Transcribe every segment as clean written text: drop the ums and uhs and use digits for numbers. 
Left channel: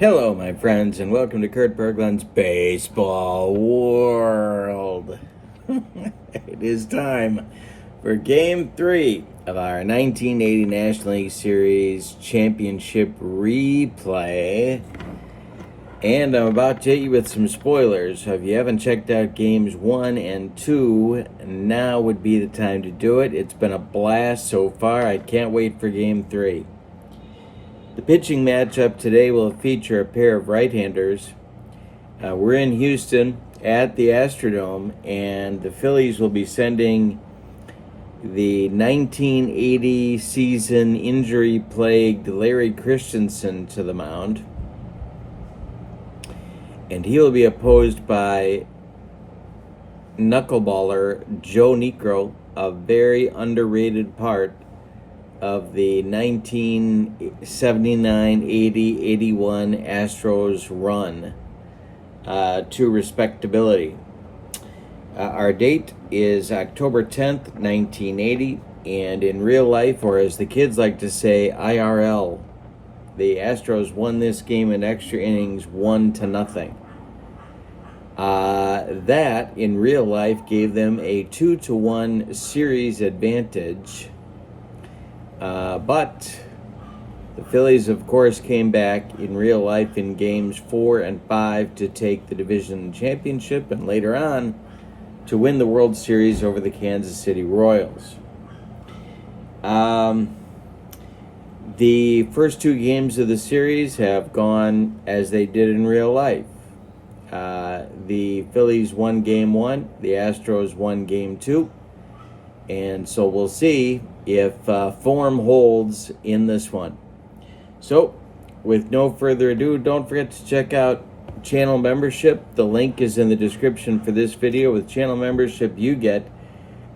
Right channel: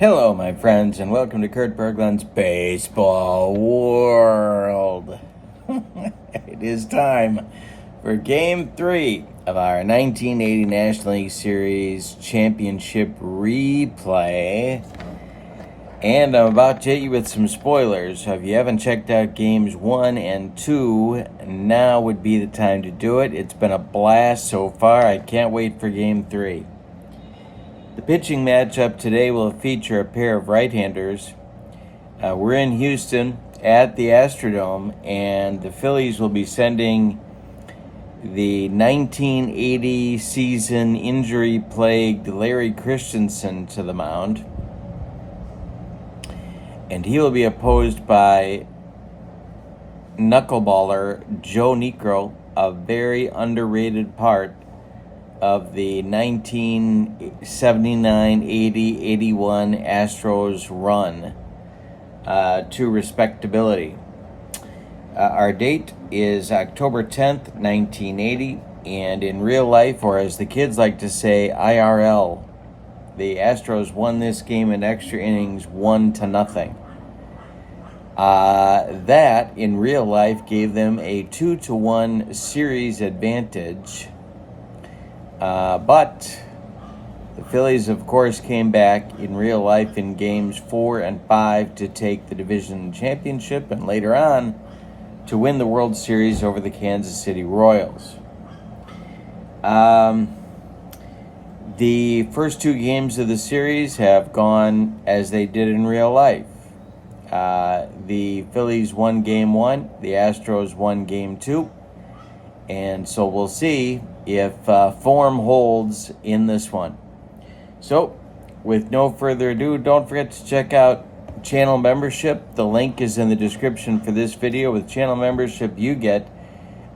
Hello, my friends, and welcome to Kurt Berglund's Baseball World. It is time for Game 3 of our 1980 National League Series Championship replay. And I'm about to hit you with some spoilers, so if you haven't checked out Games 1 and 2, now would be the time to do it. It's been a blast so far. I can't wait for Game 3. The pitching matchup today will feature a pair of right-handers. We're in Houston at the Astrodome, and the Phillies will be sending the 1980 season injury-plagued Larry Christenson to the mound. And he will be opposed by knuckleballer J.Niekro, a very underrated part of the 1979, 80, 81 Astros run to respectability. Our date is October 10th, 1980, and in real life, or as the kids like to say, IRL, the Astros won this game in extra innings 1-0. That, in real life, gave them a 2-1 series advantage. But the Phillies, of course, came back in real life in games 4 and 5 to take the division championship and later on to win the World Series over the Kansas City Royals. The first two games of the series have gone as they did in real life. The Phillies won Game 1, the Astros won Game 2. And so we'll see if form holds in this one. So, with no further ado, don't forget to check out channel membership. The link is in the description for this video. With channel membership, you get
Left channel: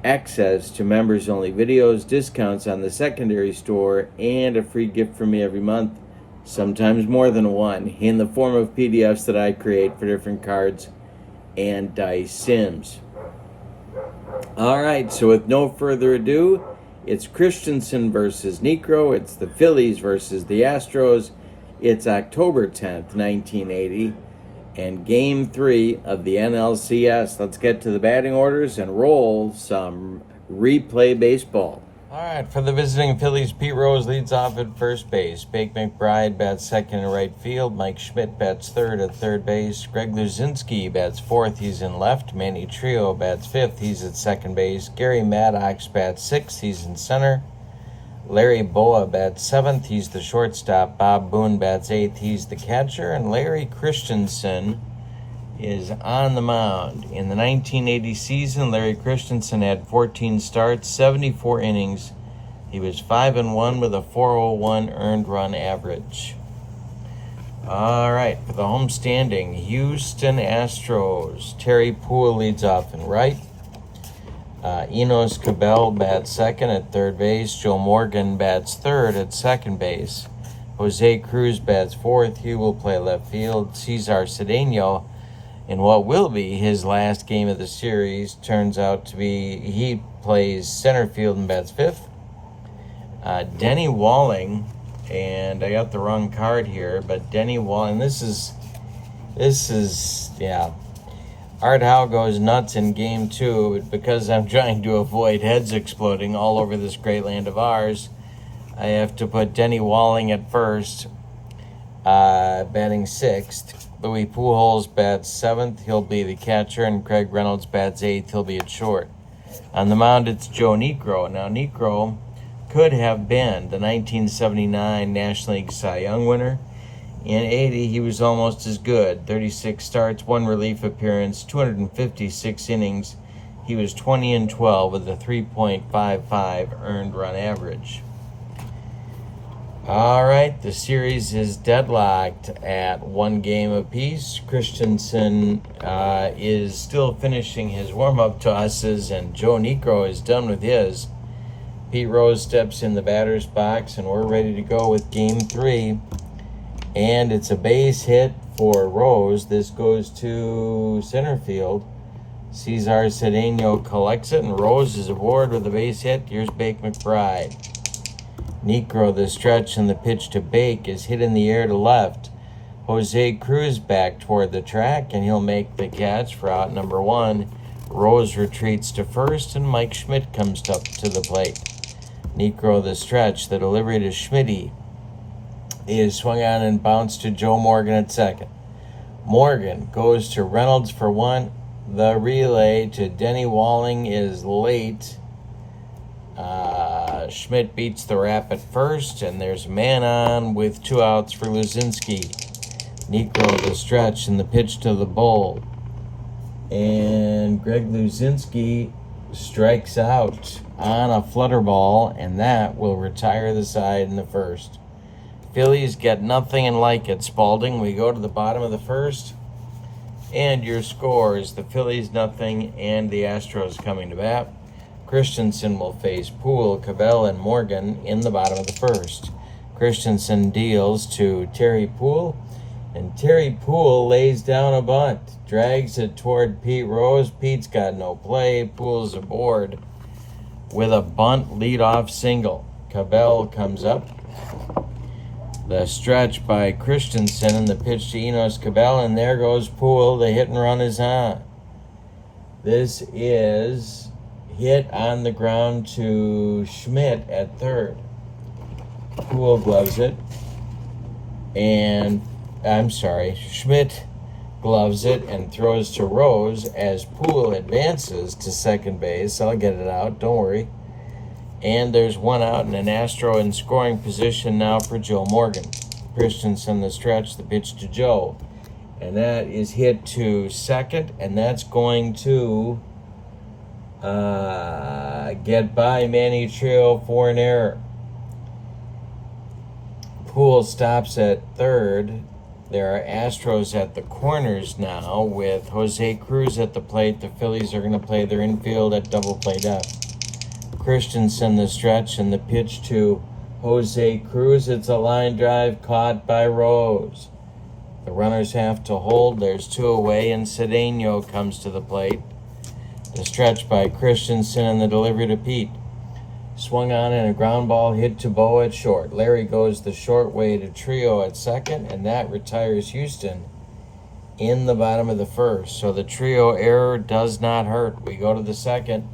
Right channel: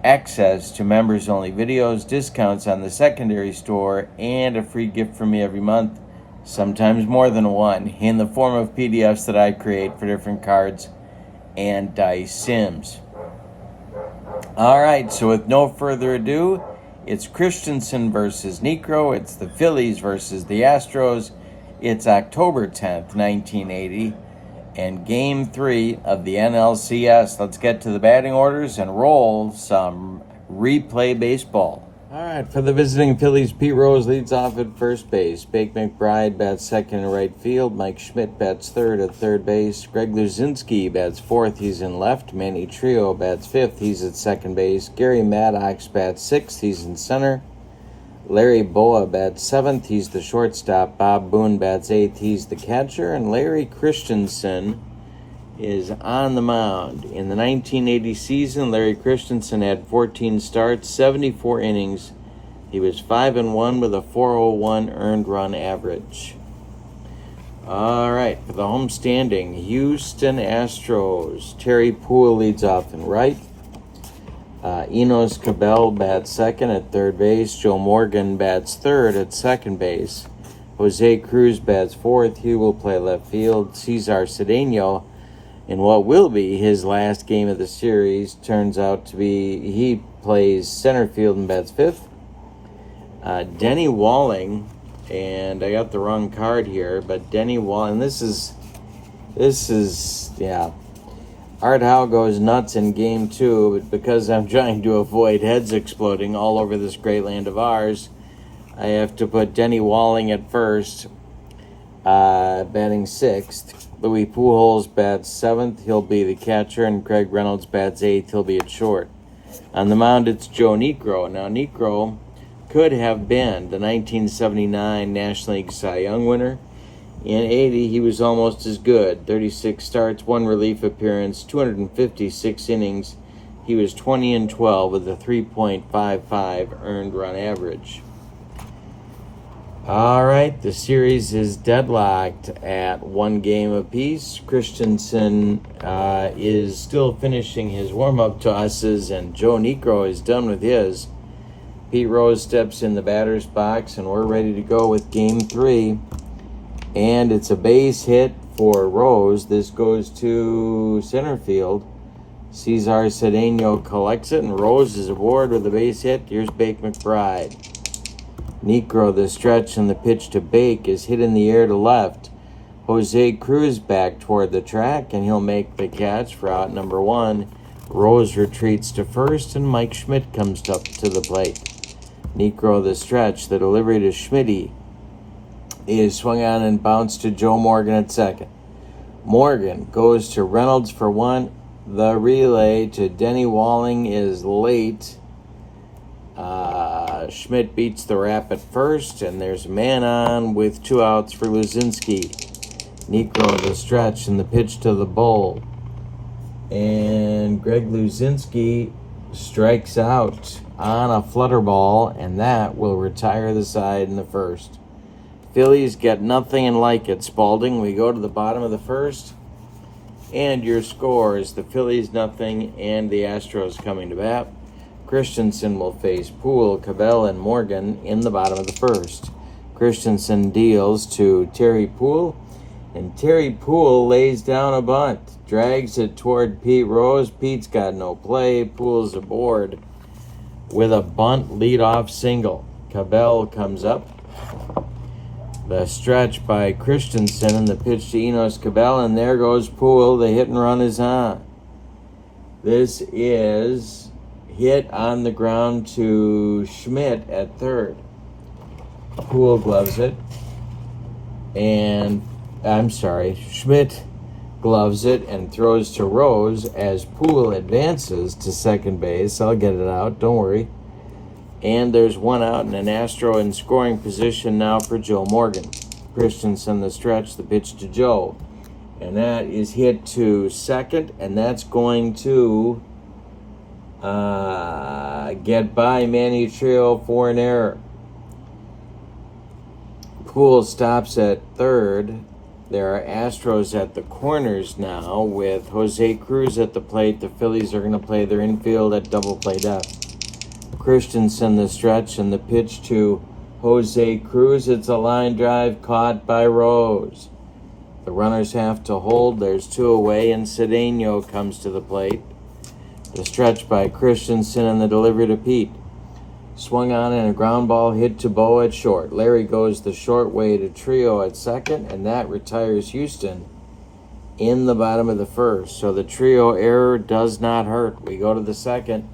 access to members-only videos, discounts on the secondary store, and a free gift from me every month, sometimes more than one, in the form of PDFs that I create for different cards and dice sims. All right, so with no further ado, it's Christenson versus Niekro. It's the Phillies versus the Astros. It's October 10th, 1980, and Game 3 of the NLCS. Let's get to the batting orders and roll some replay baseball. All right, for the visiting Phillies, Pete Rose leads off at first base. Bake McBride bats second in right field. Mike Schmidt bats third at third base. Greg Luzinski bats fourth. He's in left. Manny Trio bats fifth. He's at second base. Gary Maddox bats sixth. He's in center. Larry Boa bats seventh. He's the shortstop. Bob Boone bats eighth. He's the catcher. And Larry Christenson is on the mound. In the 1980 season, Larry Christenson had 14 starts, 74 innings. He was 5-1 with a 4.01 earned run average. All right, for the home standing, Houston Astros. Terry Poole leads off in right. Enos Cabell bats second at third base. Joe Morgan bats third at second base. Jose Cruz bats fourth. He will play left field. Cesar Cedeno, in what will be his last game of the series, turns out to be, he plays center field and bats fifth. Denny Walling, and I got the wrong card here, but Denny Walling, this is, Art Howe goes nuts in Game 2, but because I'm trying to avoid heads exploding all over this great land of ours, I have to put Denny Walling at first, batting sixth. Louis Pujols bats seventh. He'll be the catcher, and Craig Reynolds bats eighth. He'll be at short. On the mound, it's J.Niekro. Now, Niekro could have been the 1979 National League Cy Young winner. In 80, he was almost as good. 36 starts, 1 relief appearance, 256 innings. He was 20-12 with a 3.55 earned run average. All right, the series is deadlocked at 1 game apiece. Christenson is still finishing his warm-up tosses, and J.Niekro is done with his. Pete Rose steps in the batter's box, and we're ready to go with Game 3. And it's a base hit for Rose. This goes to center field. Cesar Cedeno collects it, and Rose is aboard with a base hit. Here's Bake McBride. Niekro, the stretch and the pitch to Bake is hit in the air to left. Jose Cruz back toward the track, and he'll make the catch for out number 1. Rose retreats to first, and Mike Schmidt comes up to the plate. Niekro the stretch. The delivery to Schmitty is swung on and bounced to Joe Morgan at second. Morgan goes to Reynolds for 1. The relay to Denny Walling is late. Schmidt beats the rap at first, and there's a man on with 2 outs for Luzinski. Niekro the stretch, and the pitch to the bull. And Greg Luzinski strikes out on a flutter ball, and that will retire the side in the first. Phillies get nothing and like it, Spalding. We go to the bottom of the first, and your score is the Phillies nothing and the Astros coming to bat. Christenson will face Poole, Cavell, and Morgan in the bottom of the first. Christenson deals to Terry Poole, and Terry Poole lays down a bunt, drags it toward Pete Rose. Pete's got no play. Poole's aboard with a bunt leadoff single. Cavell comes up. The stretch by Christenson and the pitch to Enos Cavell, and there goes Poole. The hit and run is on. This is hit on the ground to Schmidt at third. Poole gloves it, and Schmidt gloves it and throws to Rose as Poole advances to second base. I'll get it out, don't worry. And there's 1 out and an Astro in scoring position now for Joe Morgan. Christenson the stretch, the pitch to Joe. And that is hit to second, and that's going to get by Manny Trio for an error. Poole stops at third. There are Astros at the corners now with Jose Cruz at the plate. The Phillies are going to play their infield at double play depth. Christenson the stretch, and the pitch to Jose Cruz. It's a line drive caught by Rose. The runners have to hold. There's 2 away, and Cedeno comes to the plate. The stretch by Christenson and the delivery to Pete. Swung on and a ground ball hit to Boa at short. Larry goes the short way to Trio at second, and that retires Houston in the bottom of the first. So the Trio error does not hurt. We go to the second.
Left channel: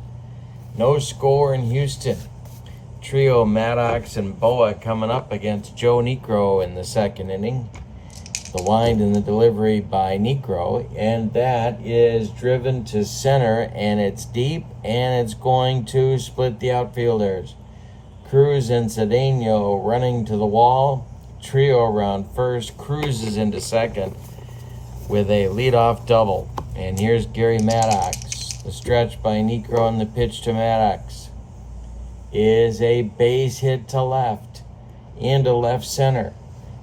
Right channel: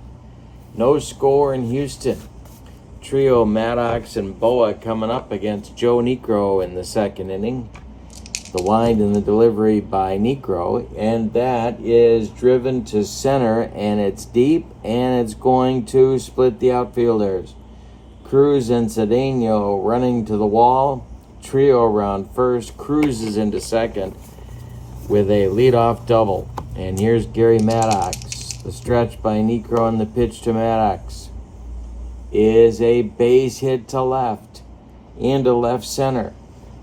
No score in Houston. Trio, Maddox, and Boa coming up against J.Niekro in the second inning. The wind and the delivery by Niekro, and that is driven to center, and it's deep, and it's going to split the outfielders. Cruz and Cedeno running to the wall. Trio around first. Cruz is into second with a leadoff double. And here's Gary Maddox. The stretch by Niekro, and the pitch to Maddox is a base hit to left into left center.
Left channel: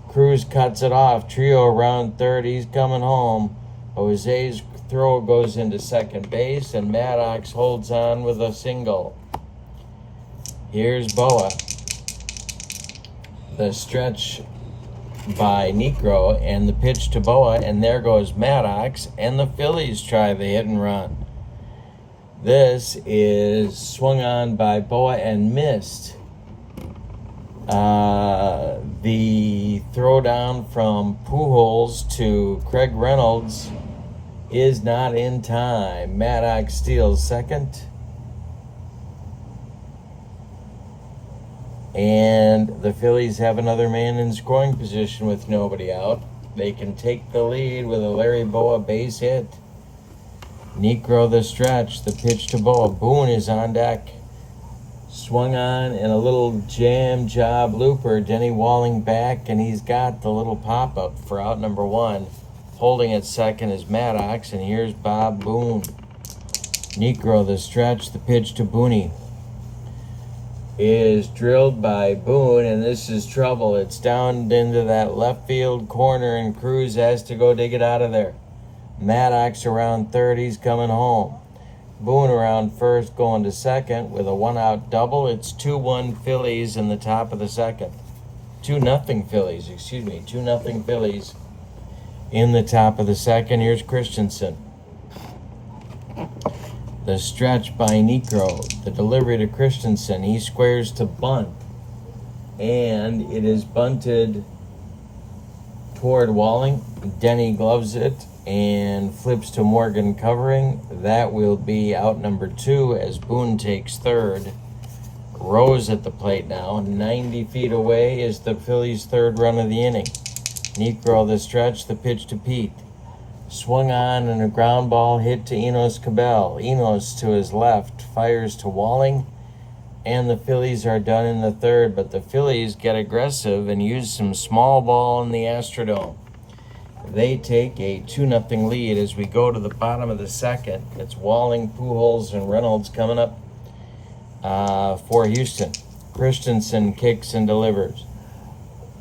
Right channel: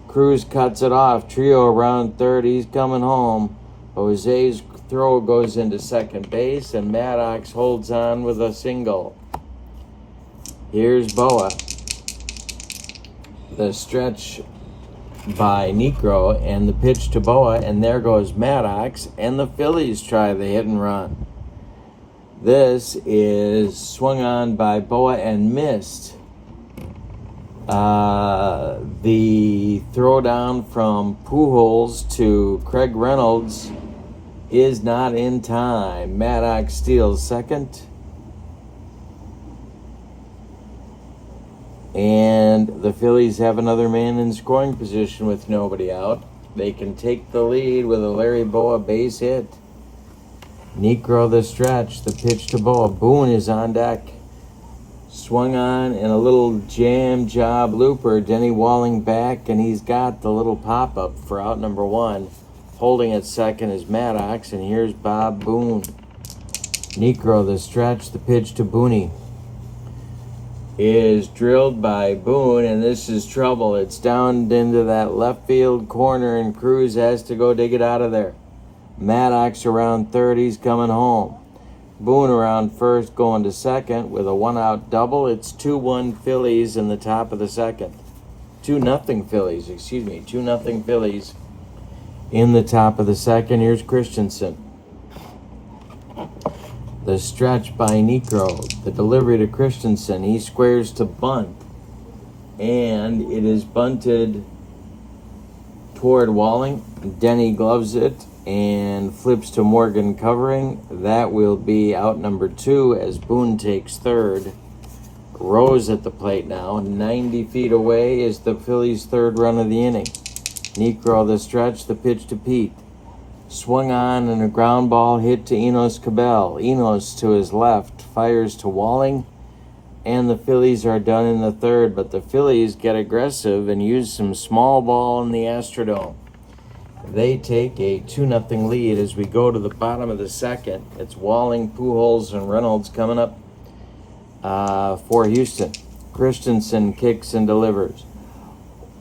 Cruz cuts it off. Trio around third. He's coming home. Jose's throw goes into second base, and Maddox holds on with a single. Here's Boa. The stretch by Niekro, and the pitch to Boa, and there goes Maddox, and the Phillies try the hit and run. This is swung on by Boa and missed. The throwdown from Pujols to Craig Reynolds is not in time. Maddox steals second. And the Phillies have another man in scoring position with nobody out. They can take the lead with a Larry Boa base hit. Niekro the stretch, the pitch to Boa. Boone is on deck. Swung on and a little jam job looper. Denny Walling back, and he's got the little pop-up for out number 1. Holding at second is Maddox, and here's Bob Boone. Niekro the stretch, the pitch to Booney is drilled by Boone, and this is trouble. It's down into that left field corner, and Cruz has to go dig it out of there. Maddox around third, he's coming home. Boone around first, going to second with a 1-out double. It's 2-1 Phillies in the top of the second. 2-0 Phillies, 2-0 Phillies in the top of the second. Here's Christenson. The stretch by Niekro. The delivery to Christenson. He squares to bunt. And it is bunted toward Walling. Denny gloves it and flips to Morgan covering. That will be out number 2 as Boone takes third. Rose at the plate now. 90 feet away is the Phillies' third run of the inning. Niekro the stretch, the pitch to Pete. Swung on and a ground ball hit to Enos Cabell. Enos to his left, fires to Walling, and the Phillies are done in the third, but the Phillies get aggressive and use some small ball in the Astrodome. They take a 2-0 lead as we go to the bottom of the second. It's Walling, Pujols, and Reynolds coming up for Houston. Christenson kicks and delivers.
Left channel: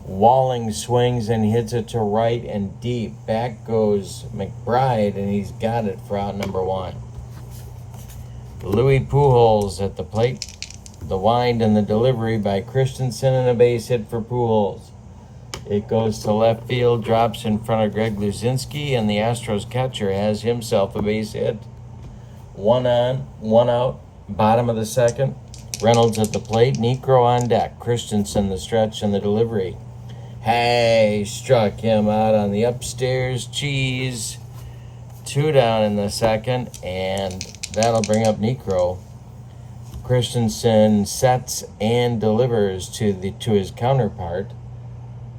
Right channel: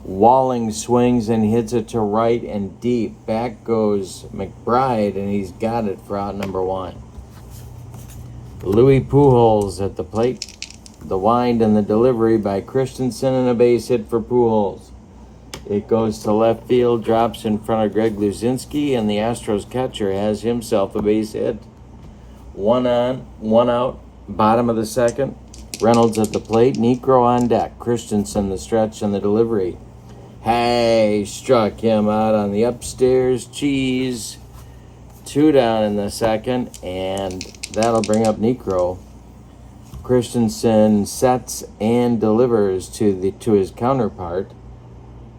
Walling swings and hits it to right and deep. Back goes McBride, and he's got it for out number 1. Louis Pujols at the plate. The wind and the delivery by Christenson, and a base hit for Pujols. It goes to left field, drops in front of Greg Luzinski, and the Astros catcher has himself a base hit. 1 on, 1 out, bottom of the second. Reynolds at the plate, Niekro on deck. Christenson the stretch and the delivery. Hey, struck him out on the upstairs cheese. 2 down in the second, and that'll bring up Niekro. Christenson sets and delivers to his counterpart,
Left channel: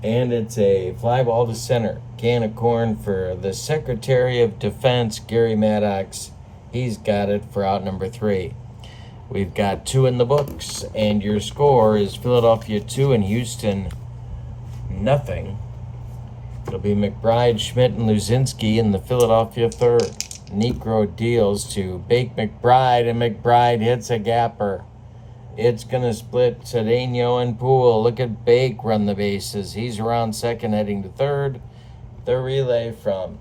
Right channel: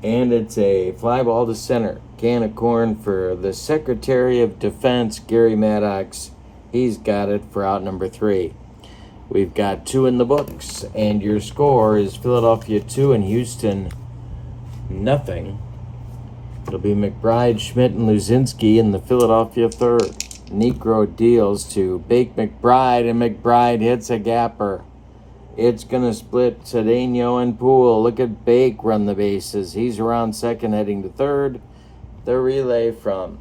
and it's a fly ball to center. Can of corn for the Secretary of Defense, Gary Maddox. He's got it for out number 3. We've got 2 in the books, and your score is Philadelphia 2 and Houston 0. It'll be McBride, Schmidt, and Luzinski in the Philadelphia third. Niekro deals to Bake McBride, and McBride hits a gapper. It's going to split Cedeno and Poole. Look at Bake run the bases. He's around second, heading to third. The relay from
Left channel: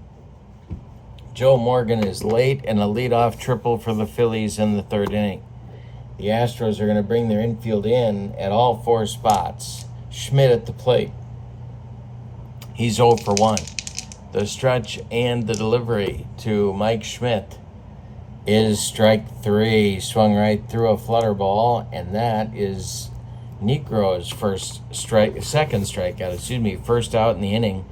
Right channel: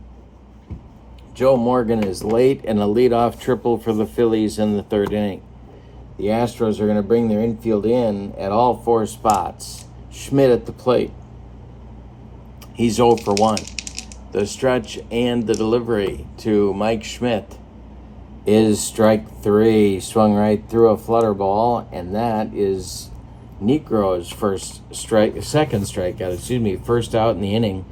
Joe Morgan is late, and a leadoff triple for the Phillies in the third inning. The Astros are going to bring their infield in at all 4 spots. Schmidt at the plate. He's 0 for 1. The stretch and the delivery to Mike Schmidt is strike 3. Swung right through a flutter ball, and that is Niekro's second strikeout, first out in the inning.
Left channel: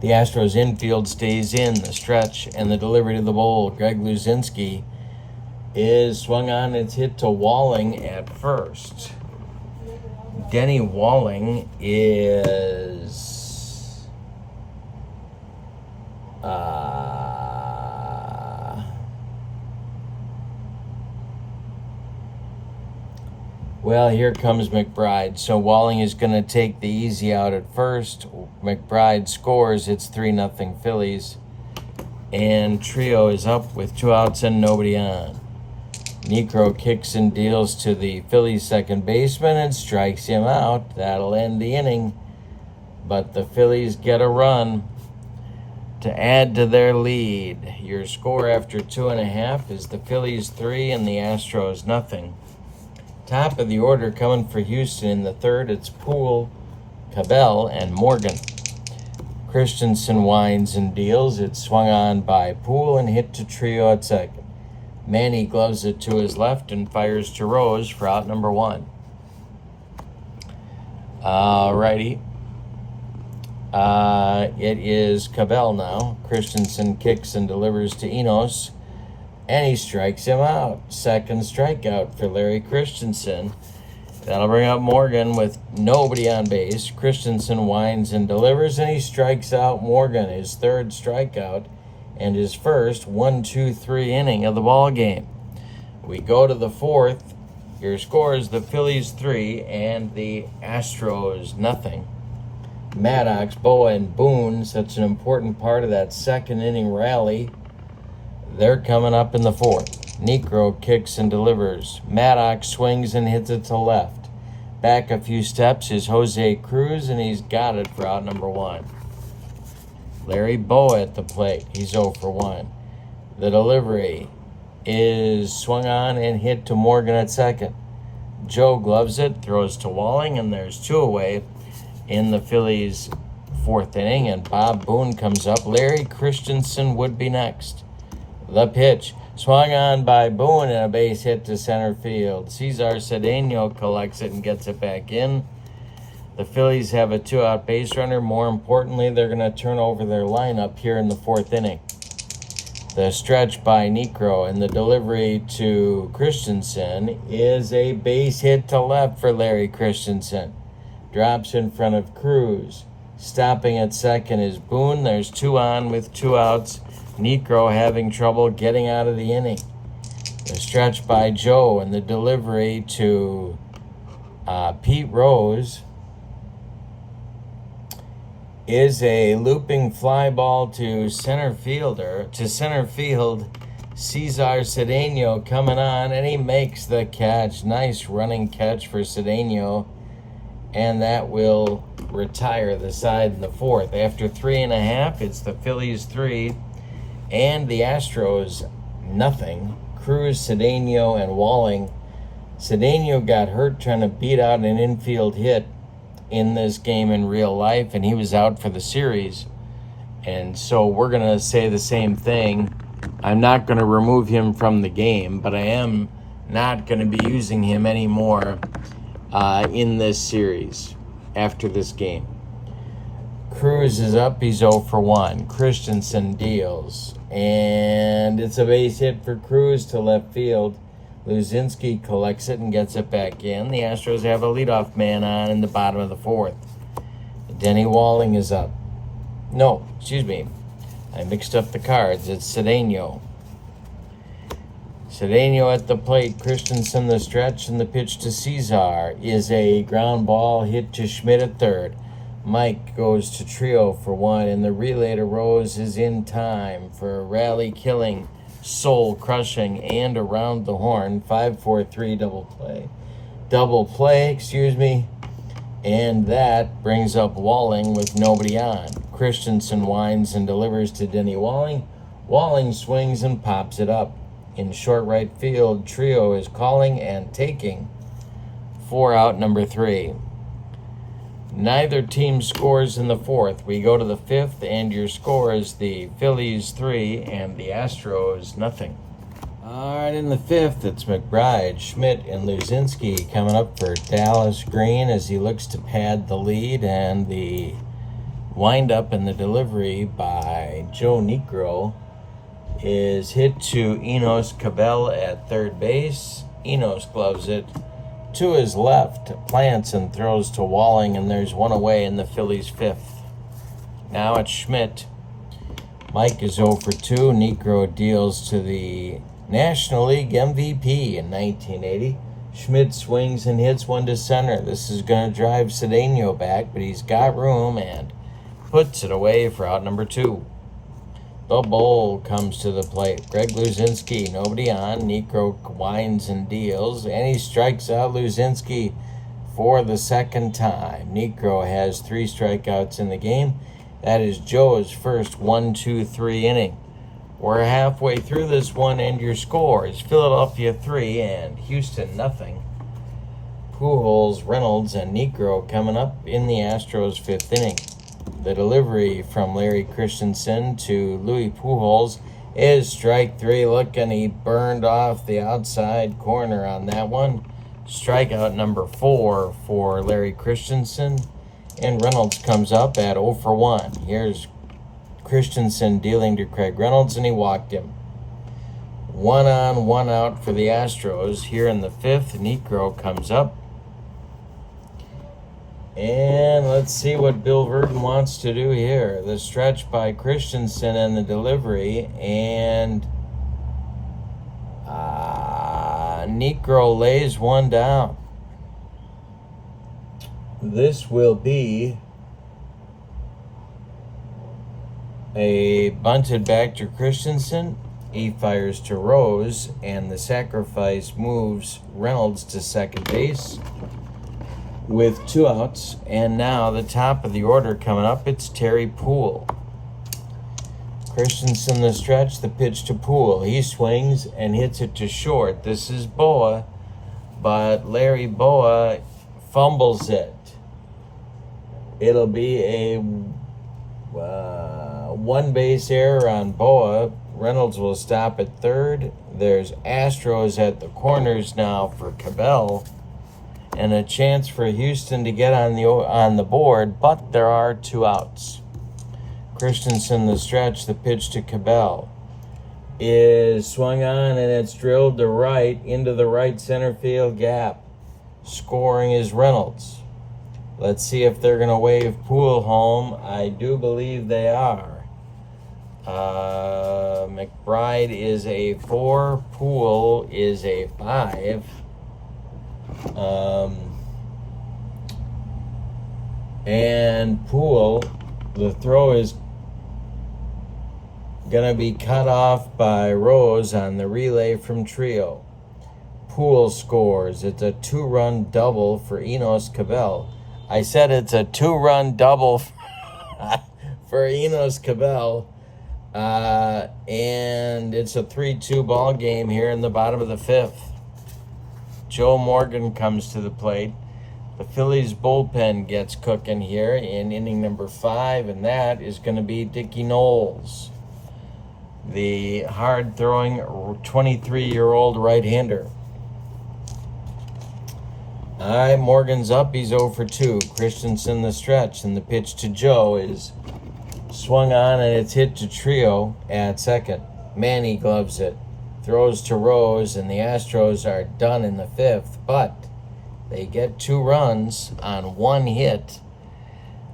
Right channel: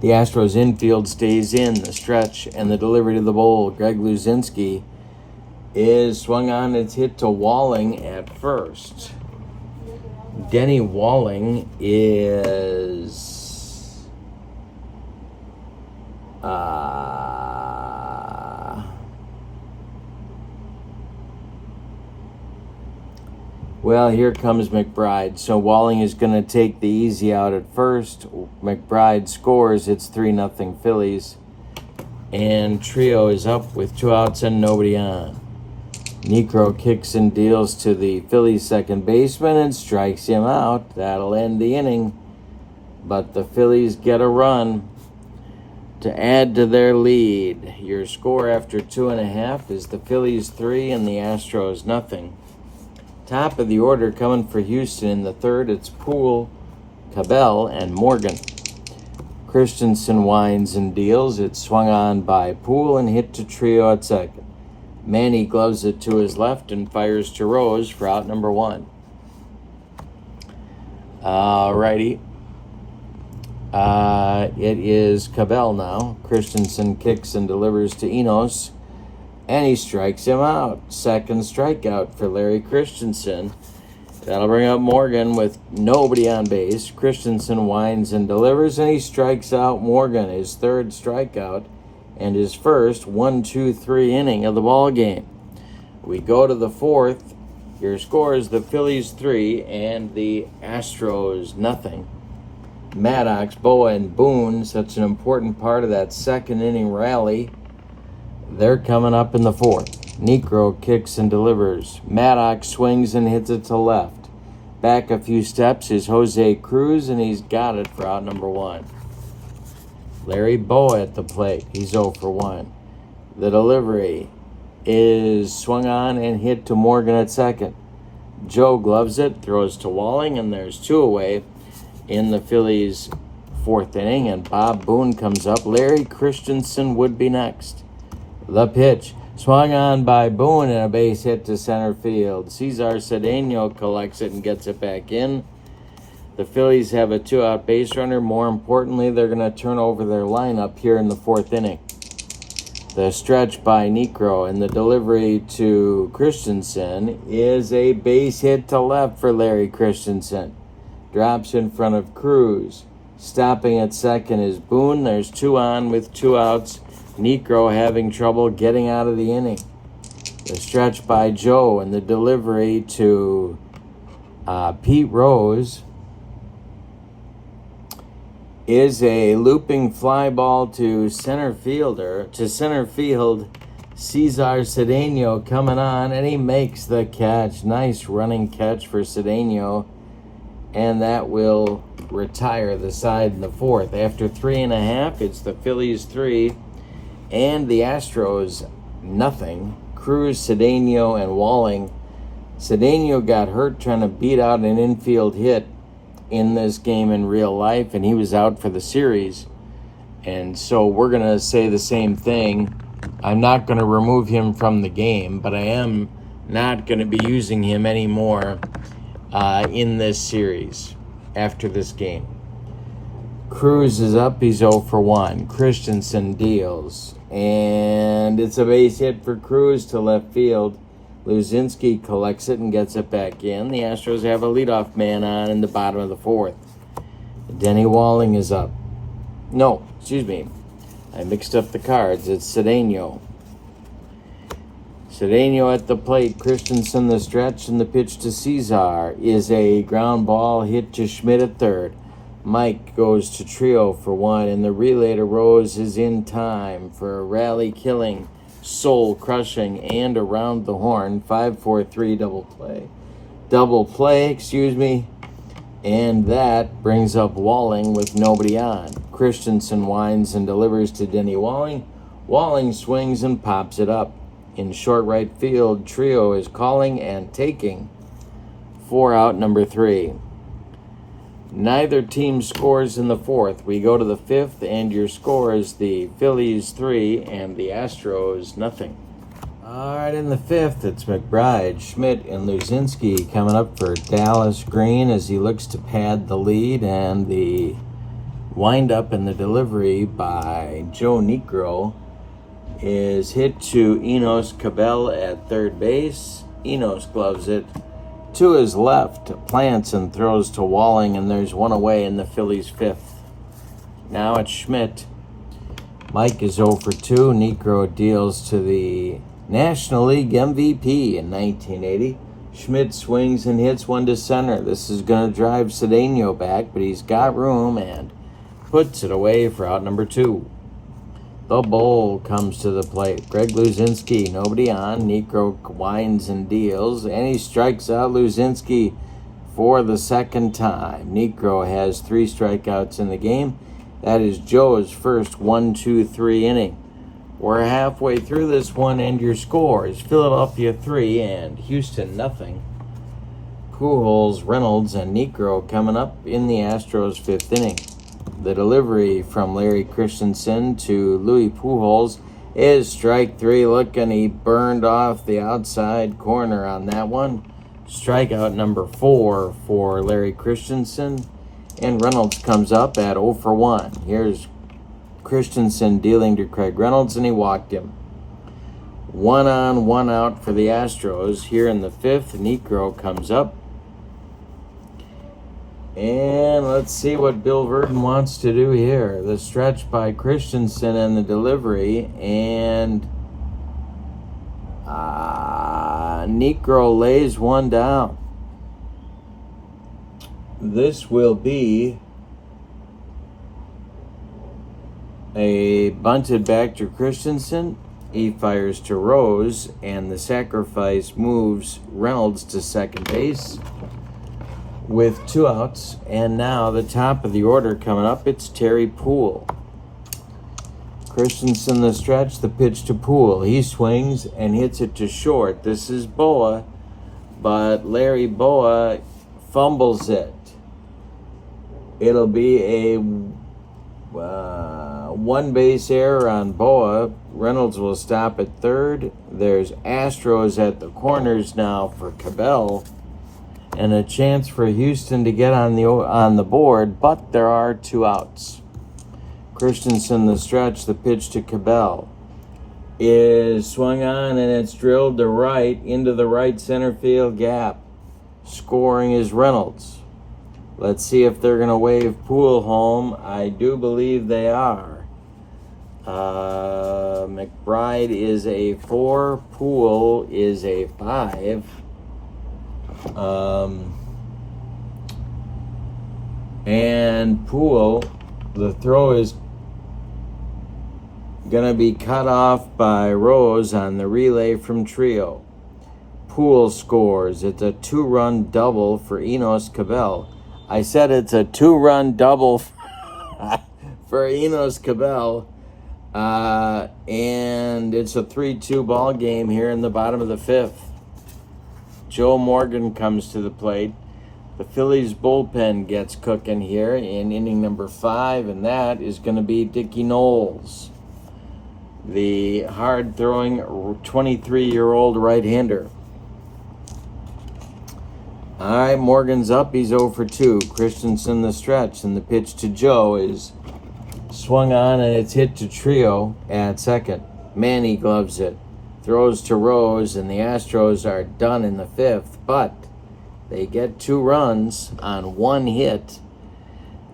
The Astros infield stays in. The stretch and the delivery to the bowl. Greg Luzinski is swung on. It's hit to Walling at first. Denny Walling is well, here comes McBride. So Walling is going to take the easy out at first. McBride scores. It's 3-0 Phillies. And Trio is up with 2 outs and nobody on. Niekro kicks and deals to the Phillies second baseman and strikes him out. That'll end the inning. But the Phillies get a run to add to their lead. Your score after 2.5 is the Phillies 3 and the Astros 0. Top of the order coming for Houston in the third, it's Poole, Cabell, and Morgan. Christenson winds and deals. It's swung on by Poole and hit to Trio at second. Manny gloves it to his left and fires to Rose for out number 1. Alrighty. It is Cabell now. Christenson kicks and delivers to Enos, and he strikes him out. Second strikeout for Larry Christenson. That'll bring up Morgan with nobody on base. Christenson winds and delivers, and he strikes out Morgan, his third strikeout, and his first 1-2-3 inning of the ball game. We go to the fourth. Your score is the Phillies 3 and the Astros 0. Maddox, Boa, and Boone, such an important part of that second inning rally. They're coming up in the fourth. Niekro kicks and delivers. Maddox swings and hits it to left. Back a few steps is Jose Cruz, and he's got it for out number 1. Larry Boa at the plate. He's 0 for 1. The delivery is swung on and hit to Morgan at second. Joe gloves it, throws to Walling, and there's 2 away in the Phillies' fourth inning, and Bob Boone comes up. Larry Christenson would be next. The pitch swung on by Boone and a base hit to center field. Cesar Cedeno collects it and gets it back in. The Phillies have a 2-out base runner. More importantly, they're going to turn over their lineup here in the 4th inning. The stretch by J.Niekro and the delivery to Christenson is a base hit to left for Larry Christenson. Drops in front of Cruz. Stopping at second is Boone. There's 2 on with 2 outs. J.Niekro having trouble getting out of the inning. The stretch by Joe and the delivery to Pete Rose is a looping fly ball to center field. Cesar Cedeno coming on, and he makes the catch. Nice running catch for Cedeno, and that will retire the side in the 4th. After 3.5, it's the Phillies 3 and the Astros nothing. Cruz, Cedeno, and Walling. Cedeno got hurt trying to beat out an infield hit in this game in real life, and he was out for the series. And so we're going to say the same thing. I'm not going to remove him from the game, but I am not going to be using him anymore in this series after this game. Cruz is up. He's 0 for 1. Christenson deals, and it's a base hit for Cruz to left field. Luzinski collects it and gets it back in. The Astros have a leadoff man on in the bottom of the 4th. Denny Walling is up. No, excuse me. I mixed up the cards. It's Cedeno. Cedeno at the plate. Christenson the stretch, and the pitch to Cesar is a ground ball hit to Schmidt at third. Mike goes to Trio for 1, and the relay to Rose is in time for a rally-killing, soul-crushing, and around the horn 5-4-3 double play, and that brings up Walling with nobody on. Christenson winds and delivers to Denny Walling. Walling swings and pops it up. In short right field, Trio is calling and taking 4 out number 3. Neither team scores in the 4th. We go to the 5th, and your score is the Phillies 3 and the Astros nothing. All right, in the 5th, it's McBride, Schmidt, and Luzinski coming up for Dallas Green as he looks to pad the lead, and the windup and the delivery by J.Niekro is hit to Enos Cabell at third base. Enos gloves it to his left, plants and throws to Walling, and there's 1 away in the Phillies 5th. Now it's Schmidt. Mike is 0 for 2. J.Niekro deals to the National League MVP in 1980. Schmidt swings and hits one to center. This is going to drive Cedeno back, but he's got room and puts it away for out number 2. The Bull comes to the plate. Greg Luzinski, nobody on. J.Niekro winds and deals, and he strikes out Luzinski for the second time. J.Niekro has 3 strikeouts in the game. That is Joe's first 1-2-3 inning. We're halfway through this one, and your score is Philadelphia 3 and Houston nothing. Pujols, Reynolds, and J.Niekro coming up in the Astros 5th inning. The delivery from Larry Christenson to Louis Pujols is strike 3. Look, and he burned off the outside corner on that one. Strikeout number 4 for Larry Christenson. And Reynolds comes up at 0 for 1. Here's Christenson dealing to Craig Reynolds, and he walked him. 1 on, 1 out for the Astros. Here in the 5th, J.Niekro comes up. And let's see what Bill Verdon wants to do here. The stretch by Christenson and the delivery, and J.Niekro lays one down. This will be a bunted back to Christenson. He fires to Rose, and the sacrifice moves Reynolds to second base with 2 outs. And now the top of the order coming up, it's Terry Poole. Christenson the stretch, the pitch to Poole. He swings and hits it to short. This is Boa, but Larry Boa fumbles it. It'll be a 1 base error on Boa. Reynolds will stop at third. There's Astros at the corners now for Cabell. and a chance for Houston to get on the board, but there are 2 outs. Christenson, the stretch, the pitch to Cabell is swung on, and it's drilled to right into the right center field gap. Scoring is Reynolds. Let's see if they're going to wave Poole home. I do believe they are. McBride is a 4. Poole is a 5. And Poole, the throw is going to be cut off by Rose on the relay from Trio. Poole scores. It's a 2-run double for Enos Cabell. I said it's a 2-run double for Enos Cabell. And it's a 3-2 ball game here in the bottom of the 5th. Joe Morgan comes to the plate. The Phillies bullpen gets cooking here in inning number 5, and that is going to be Dickie Knowles, the hard-throwing 23-year-old right-hander. All right, Morgan's up. He's 0 for 2. Christenson the stretch, and the pitch to Joe is swung on, and it's hit to Trio at second. Manny gloves it, throws to Rose, and the Astros are done in the 5th, but they get 2 runs on 1 hit.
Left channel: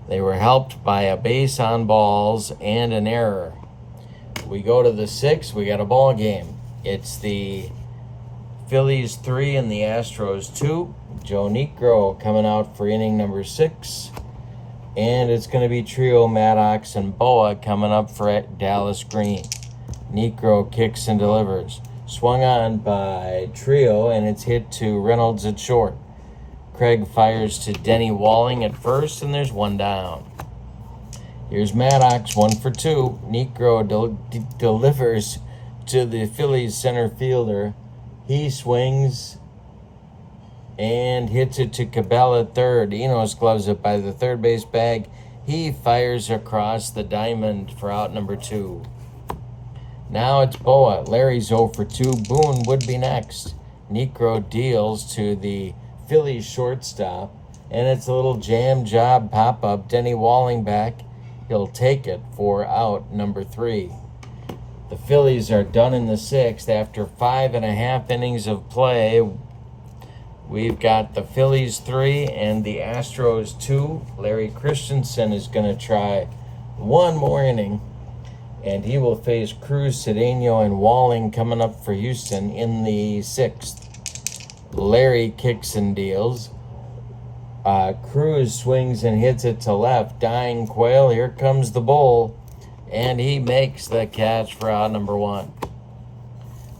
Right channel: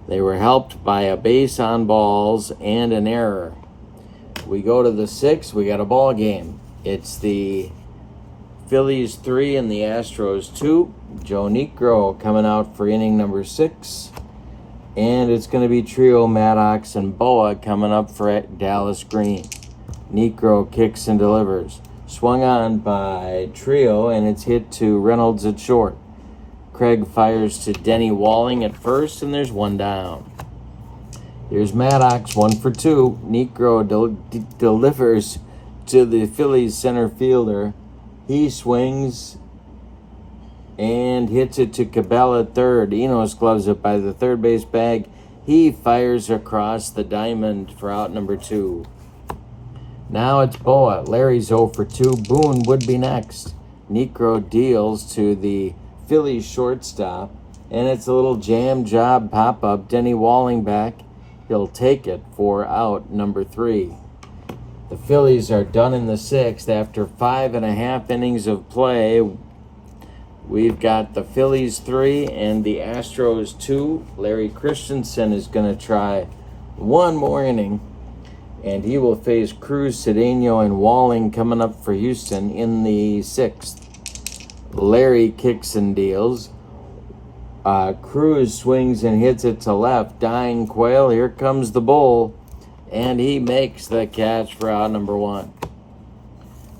They were helped by a base on balls and an error. We go to the 6th, we got a ball game. It's the Phillies 3 and the Astros 2. J.Niekro coming out for inning number 6. And it's going to be Trio, Maddox, and Boa coming up for Dallas Green. Niekro kicks and delivers. Swung on by Trio, and it's hit to Reynolds at short. Craig fires to Denny Walling at first, and there's 1 down. Here's Maddox, 1 for 2. Niekro delivers to the Phillies center fielder. He swings and hits it to Cabell at third. Enos gloves it by the third base bag. He fires across the diamond for out number 2. Now it's Boa. Larry's 0 for 2. Boone would be next. Niekro deals to the Phillies shortstop, and it's a little jam job pop-up. Denny Walling back. He'll take it for out number 3. The Phillies are done in the 6th after 5.5 innings of play. We've got the Phillies 3 and the Astros 2. Larry Christenson is going to try 1 more inning, and he will face Cruz, Cedeno, and Walling coming up for Houston in the 6th. Larry kicks and deals. Cruz swings and hits it to left. Dying Quail, here comes the bull, and he makes the catch for out number 1.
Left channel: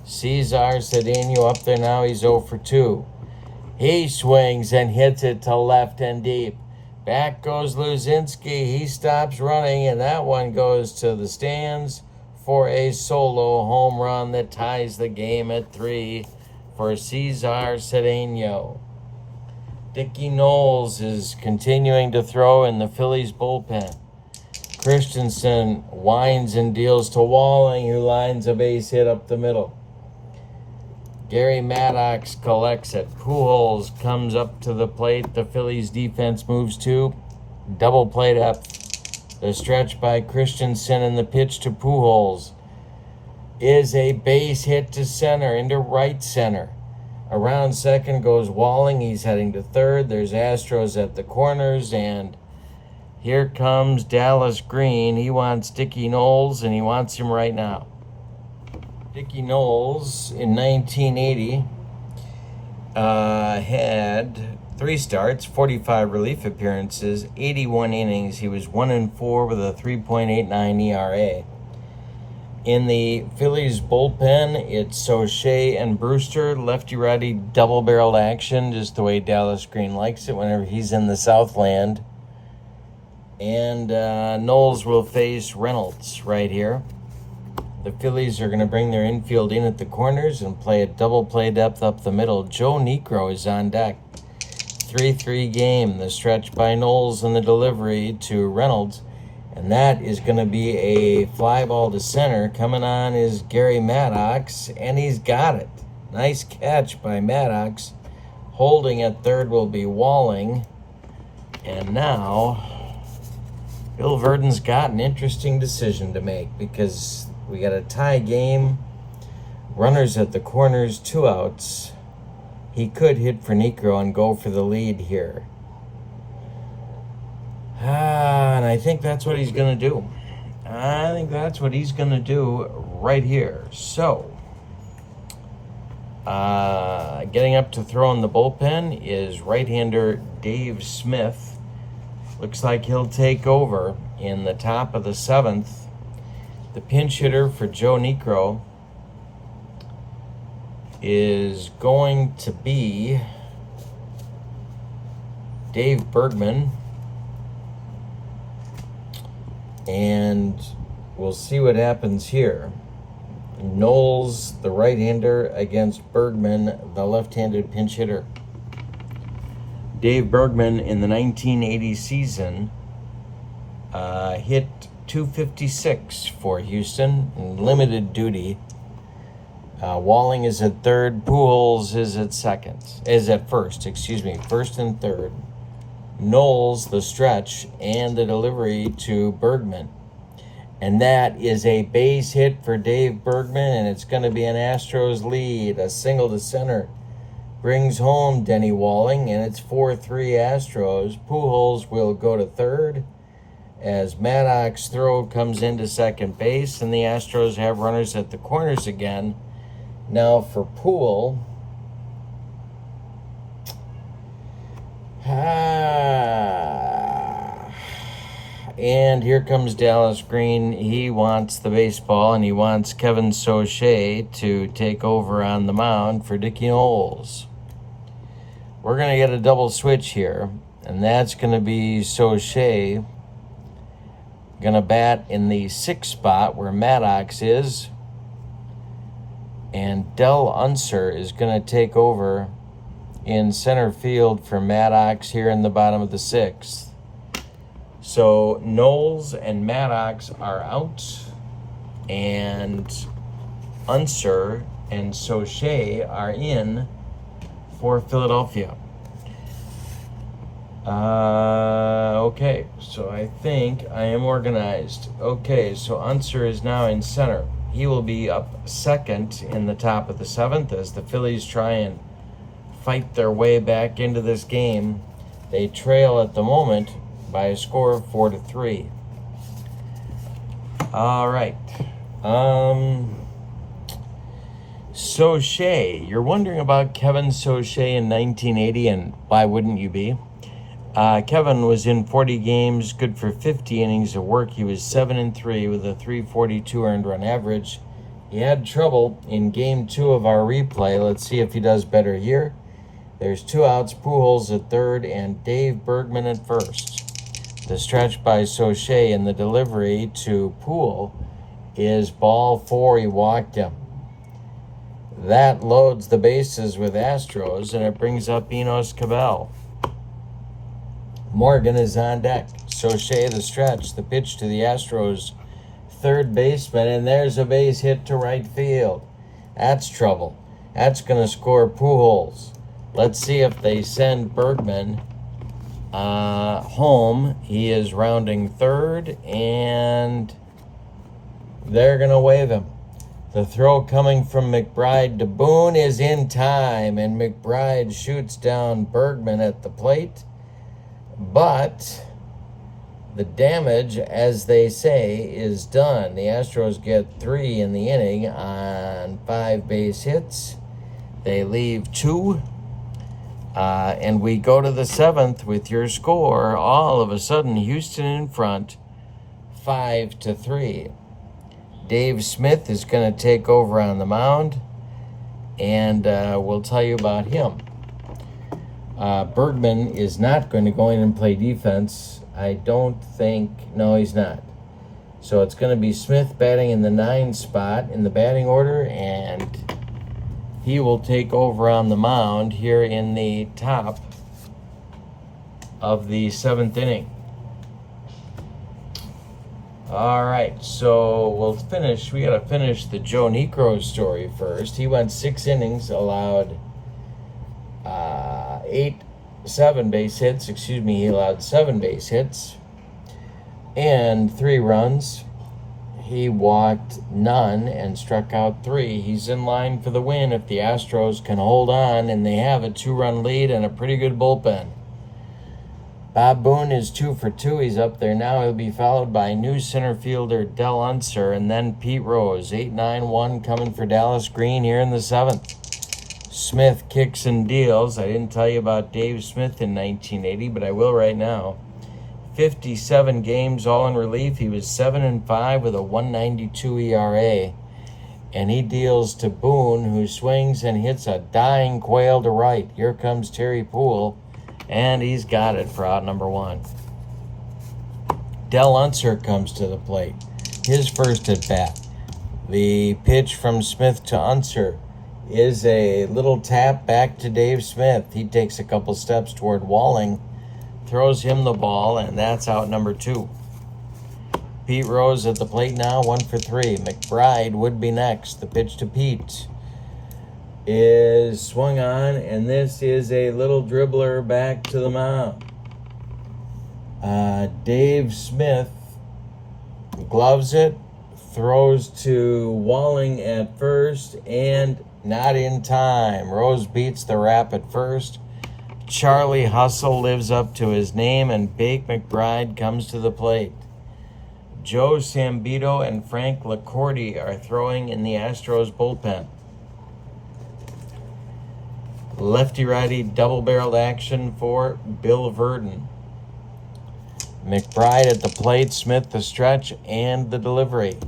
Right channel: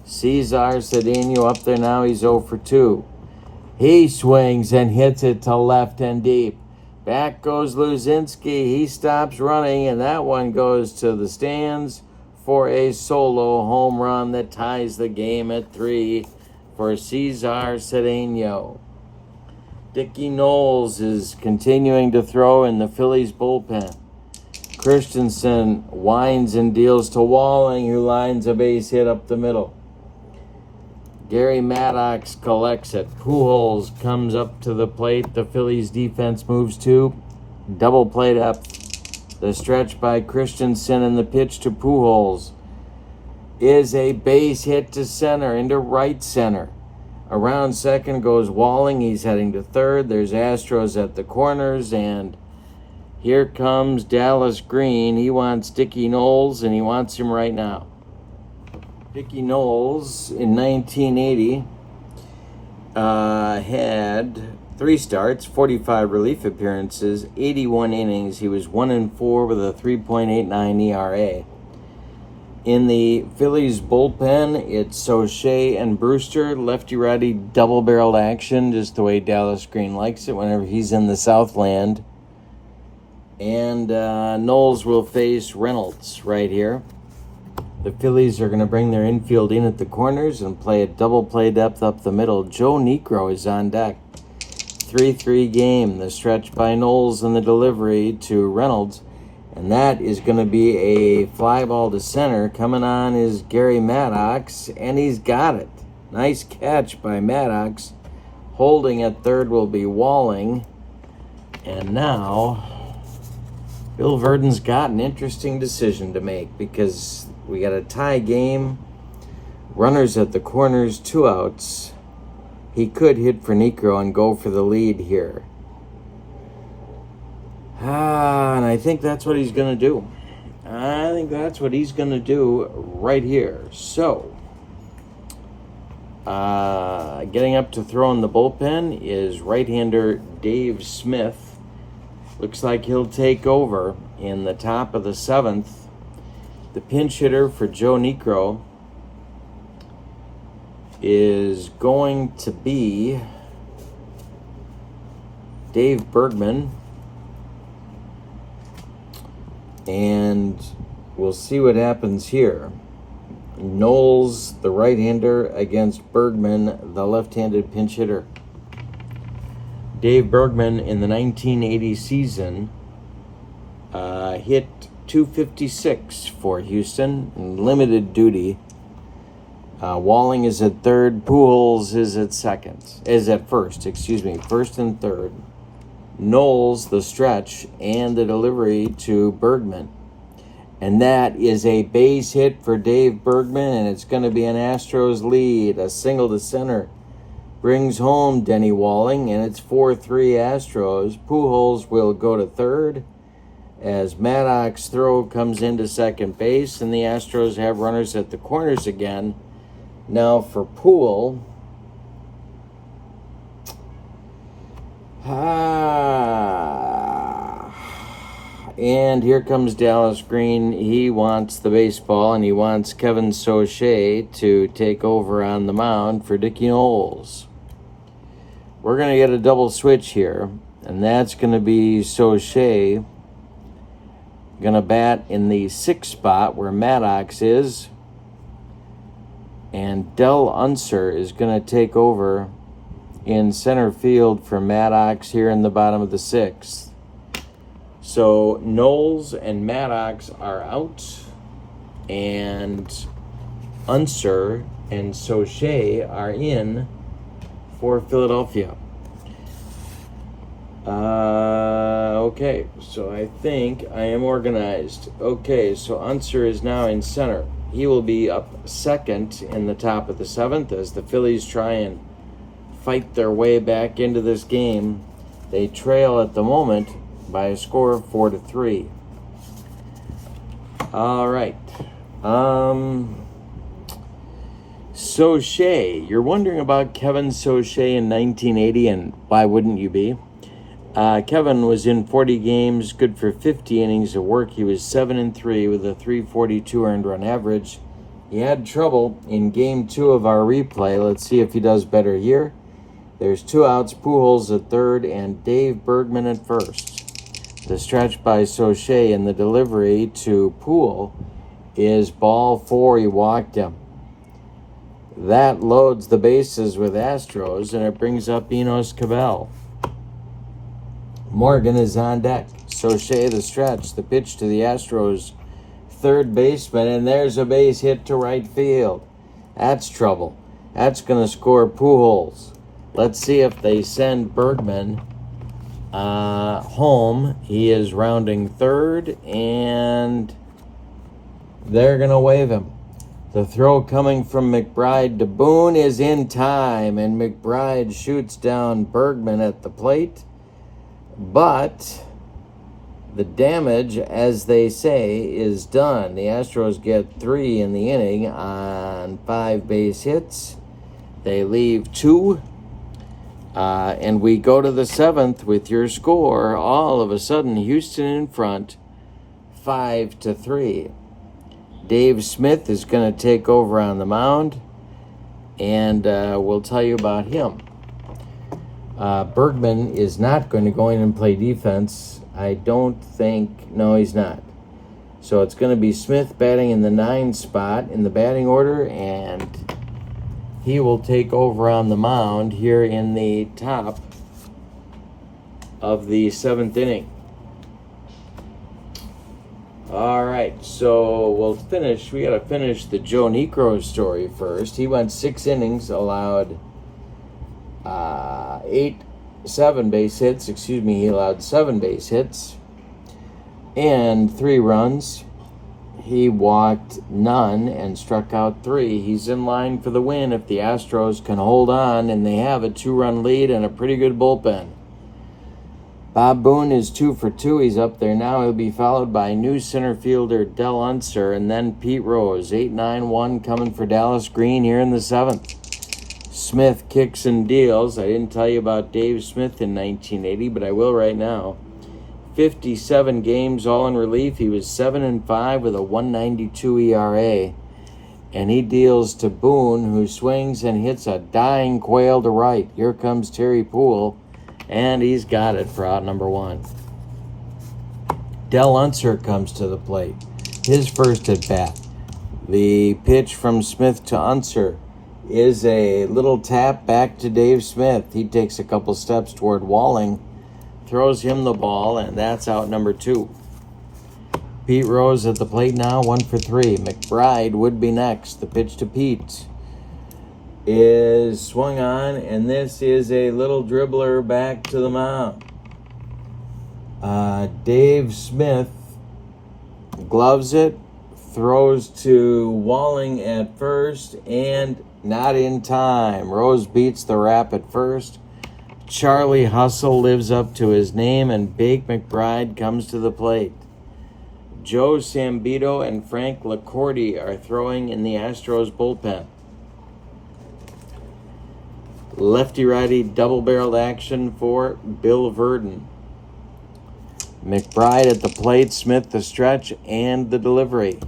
Cesar Cedeno up there now. He's 0 for 2. He swings and hits it to left and deep. Back goes Luzinski. He stops running, and that one goes to the stands for a solo home run that ties the game at 3 for Cesar Cedeno. Dickie Knowles is continuing to throw in the Phillies bullpen. Christenson winds and deals to Walling, who lines a base hit up the middle. Gary Maddox collects it. Pujols comes up to the plate. The Phillies defense moves to double play depth. The stretch by Christenson and the pitch to Pujols is a base hit to center, into right center. Around second goes Walling. He's heading to third. There's Astros at the corners, and here comes Dallas Green. He wants Dickie Knowles, and he wants him right now. Dickie Knowles in 1980 had 3 starts, 45 relief appearances, 81 innings. He was 1-4 with a 3.89 ERA. In the Phillies bullpen, it's O'Shea and Brewster, lefty-righty double-barreled action, just the way Dallas Green likes it whenever he's in the Southland. And Knowles will face Reynolds right here. The Phillies are going to bring their infield in at the corners and play a double play depth up the middle. J.Niekro is on deck. 3-3 game. The stretch by Knowles and the delivery to Reynolds. And that is going to be a fly ball to center. Coming on is Gary Maddox, and he's got it. Nice catch by Maddox. Holding at third will be Walling. And now, Bill Verdon's got an interesting decision to make because we got a tie game. Runners at the corners, 2 outs. He could hit for Niekro and go for the lead here. And I think that's what he's going to do. I think that's what he's going to do right here. So, getting up to throw in the bullpen is right-hander Dave Smith. Looks like he'll take over in the top of the 7th. The pinch hitter for J.Niekro is going to be Dave Bergman. And we'll see what happens here. Knowles, the right-hander, against Bergman, the left-handed pinch hitter. Dave Bergman in the 1980 season hit .256 for Houston in limited duty. Walling is at third. Pujols is at first and third. Knowles, the stretch, and the delivery to Bergman. And that is a base hit for Dave Bergman, and it's going to be an Astros lead. A single to center brings home Denny Walling, and it's 4-3 Astros. Pujols will go to third as Maddox's throw comes into second base, and the Astros have runners at the corners again. Now for Poole. And here comes Dallas Green. He wants the baseball, and he wants Kevin Soche to take over on the mound for Dickie Knowles. We're going to get a double switch here, and that's going to be Soche going to bat in the 6th spot where Maddox is, and Del Unser is going to take over in center field for Maddox here in the bottom of the 6th. So Knowles and Maddox are out, and Unser and Soche are in for Philadelphia. Okay, so I think I am organized. Okay, so Unser is now in center. He will be up second in the top of the 7th as the Phillies try and fight their way back into this game. They trail at the moment by a score of 4-3. All right. Soche. You're wondering about Kevin Soche in 1980, and why wouldn't you be? Kevin was in 40 games, good for 50 innings of work. He was 7-3 with a .342 earned run average. He had trouble in game 2 of our replay. Let's see if he does better here. There's 2 outs, Pujols at third, and Dave Bergman at first. The stretch by Soche and the delivery to Poole is ball 4. He walked him. That loads the bases with Astros, and it brings up Enos Cabell. Morgan is on deck. Soche, the stretch, the pitch to the Astros third baseman, and there's a base hit to right field. That's trouble. That's going to score Pujols. Let's see if they send Bergman home. He is rounding third, and they're going to wave him. The throw coming from McBride to Boone is in time, and McBride shoots down Bergman at the plate. But the damage, as they say, is done. The Astros get 3 in the inning on 5 base hits. They leave 2. And we go to the 7th with your score. All of a sudden, Houston in front, 5-3. Dave Smith is going to take over on the mound, and we'll tell you about him. Bergman is not going to go in and play defense. I don't think, no, he's not. So it's going to be Smith batting in the 9 spot in the batting order, and he will take over on the mound here in the top of the 7th inning. All right, so we'll finish. We got to finish the J.Niekro story first. He went 6 innings, allowed 7 base hits. He allowed 7 base hits and 3 runs. He walked none and struck out 3. He's in line for the win if the Astros can hold on, and they have a 2-run lead and a pretty good bullpen. Bob Boone is 2 for 2. He's up there now. He'll be followed by new center fielder Del Unser and then Pete Rose. 8-9-1 coming for Dallas Green here in the 7th. Smith kicks and deals. I didn't tell you about Dave Smith in 1980, but I will right now. 57 games, all in relief. He was 7-5 with a 1.92 ERA. And he deals to Boone, who swings and hits a dying quail to right. Here comes Terry Poole, and he's got it for out number 1. Del Unser comes to the plate. His first at bat. The pitch from Smith to Unser is a little tap back to Dave Smith. He takes a couple steps toward Walling, throws him the ball, and that's out number 2. Pete Rose at the plate now, 1 for 3. McBride would be next. The pitch to Pete is swung on, and this is a little dribbler back to the mound. Dave Smith gloves it, throws to Walling at first, and not in time. Rose beats the wrap at first. Charlie Hustle lives up to his name, and Bake McBride comes to the plate. Joe Sambito and Frank LaCourte are throwing in the Astros bullpen. Lefty-righty double-barreled action for Bill Verdon. McBride at the plate, Smith the stretch, and the delivery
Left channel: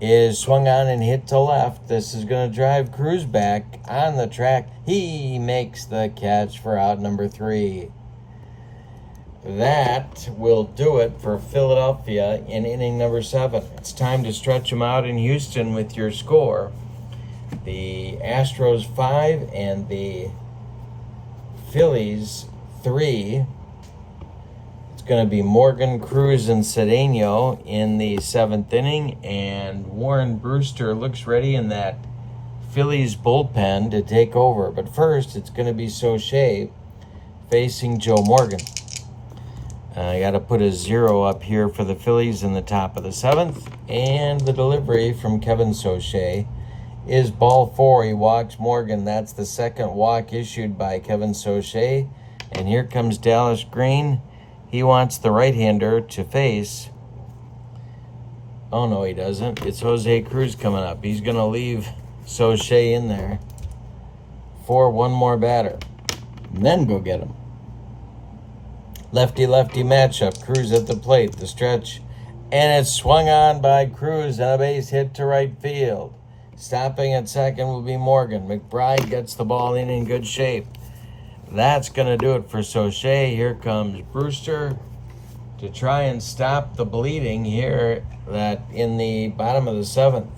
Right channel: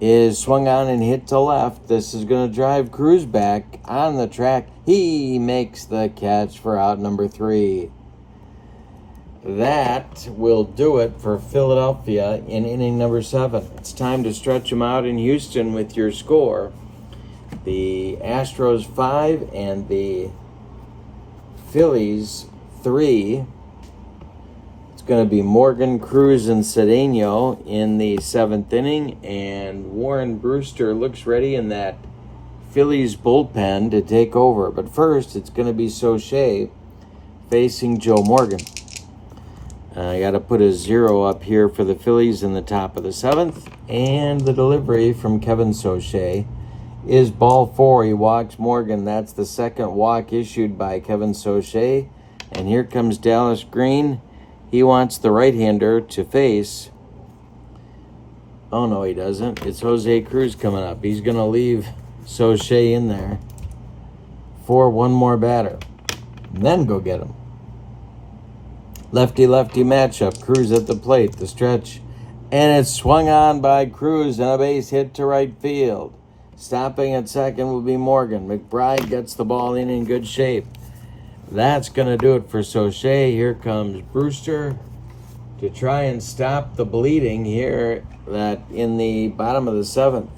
is swung on and hit to left. This is going to drive Cruz back on the track. He makes the catch for out number 3. That will do it for Philadelphia in inning number 7. It's time to stretch them out in Houston with your score. The Astros 5 and the Phillies 3. Going to be Morgan, Cruz, and Cedeno in the 7th inning, and Warren Brewster looks ready in that Phillies bullpen to take over. But first, it's going to be Soche facing Joe Morgan. I got to put a 0 up here for the Phillies in the top of the 7th, and the delivery from Kevin Soche is ball 4. He walks Morgan. That's the second walk issued by Kevin Soche, and here comes Dallas Green. He wants the right-hander to face. Oh, no, he doesn't. It's Jose Cruz coming up. He's going to leave Soche in there for one more batter. And then go get him. Lefty-lefty matchup. Cruz at the plate. The stretch. And it's swung on by Cruz and a base hit to right field. Stopping at second will be Morgan. McBride gets the ball in good shape. That's going to do it for Soche. Here comes Brewster to try and stop the bleeding here that in the bottom of the 7th.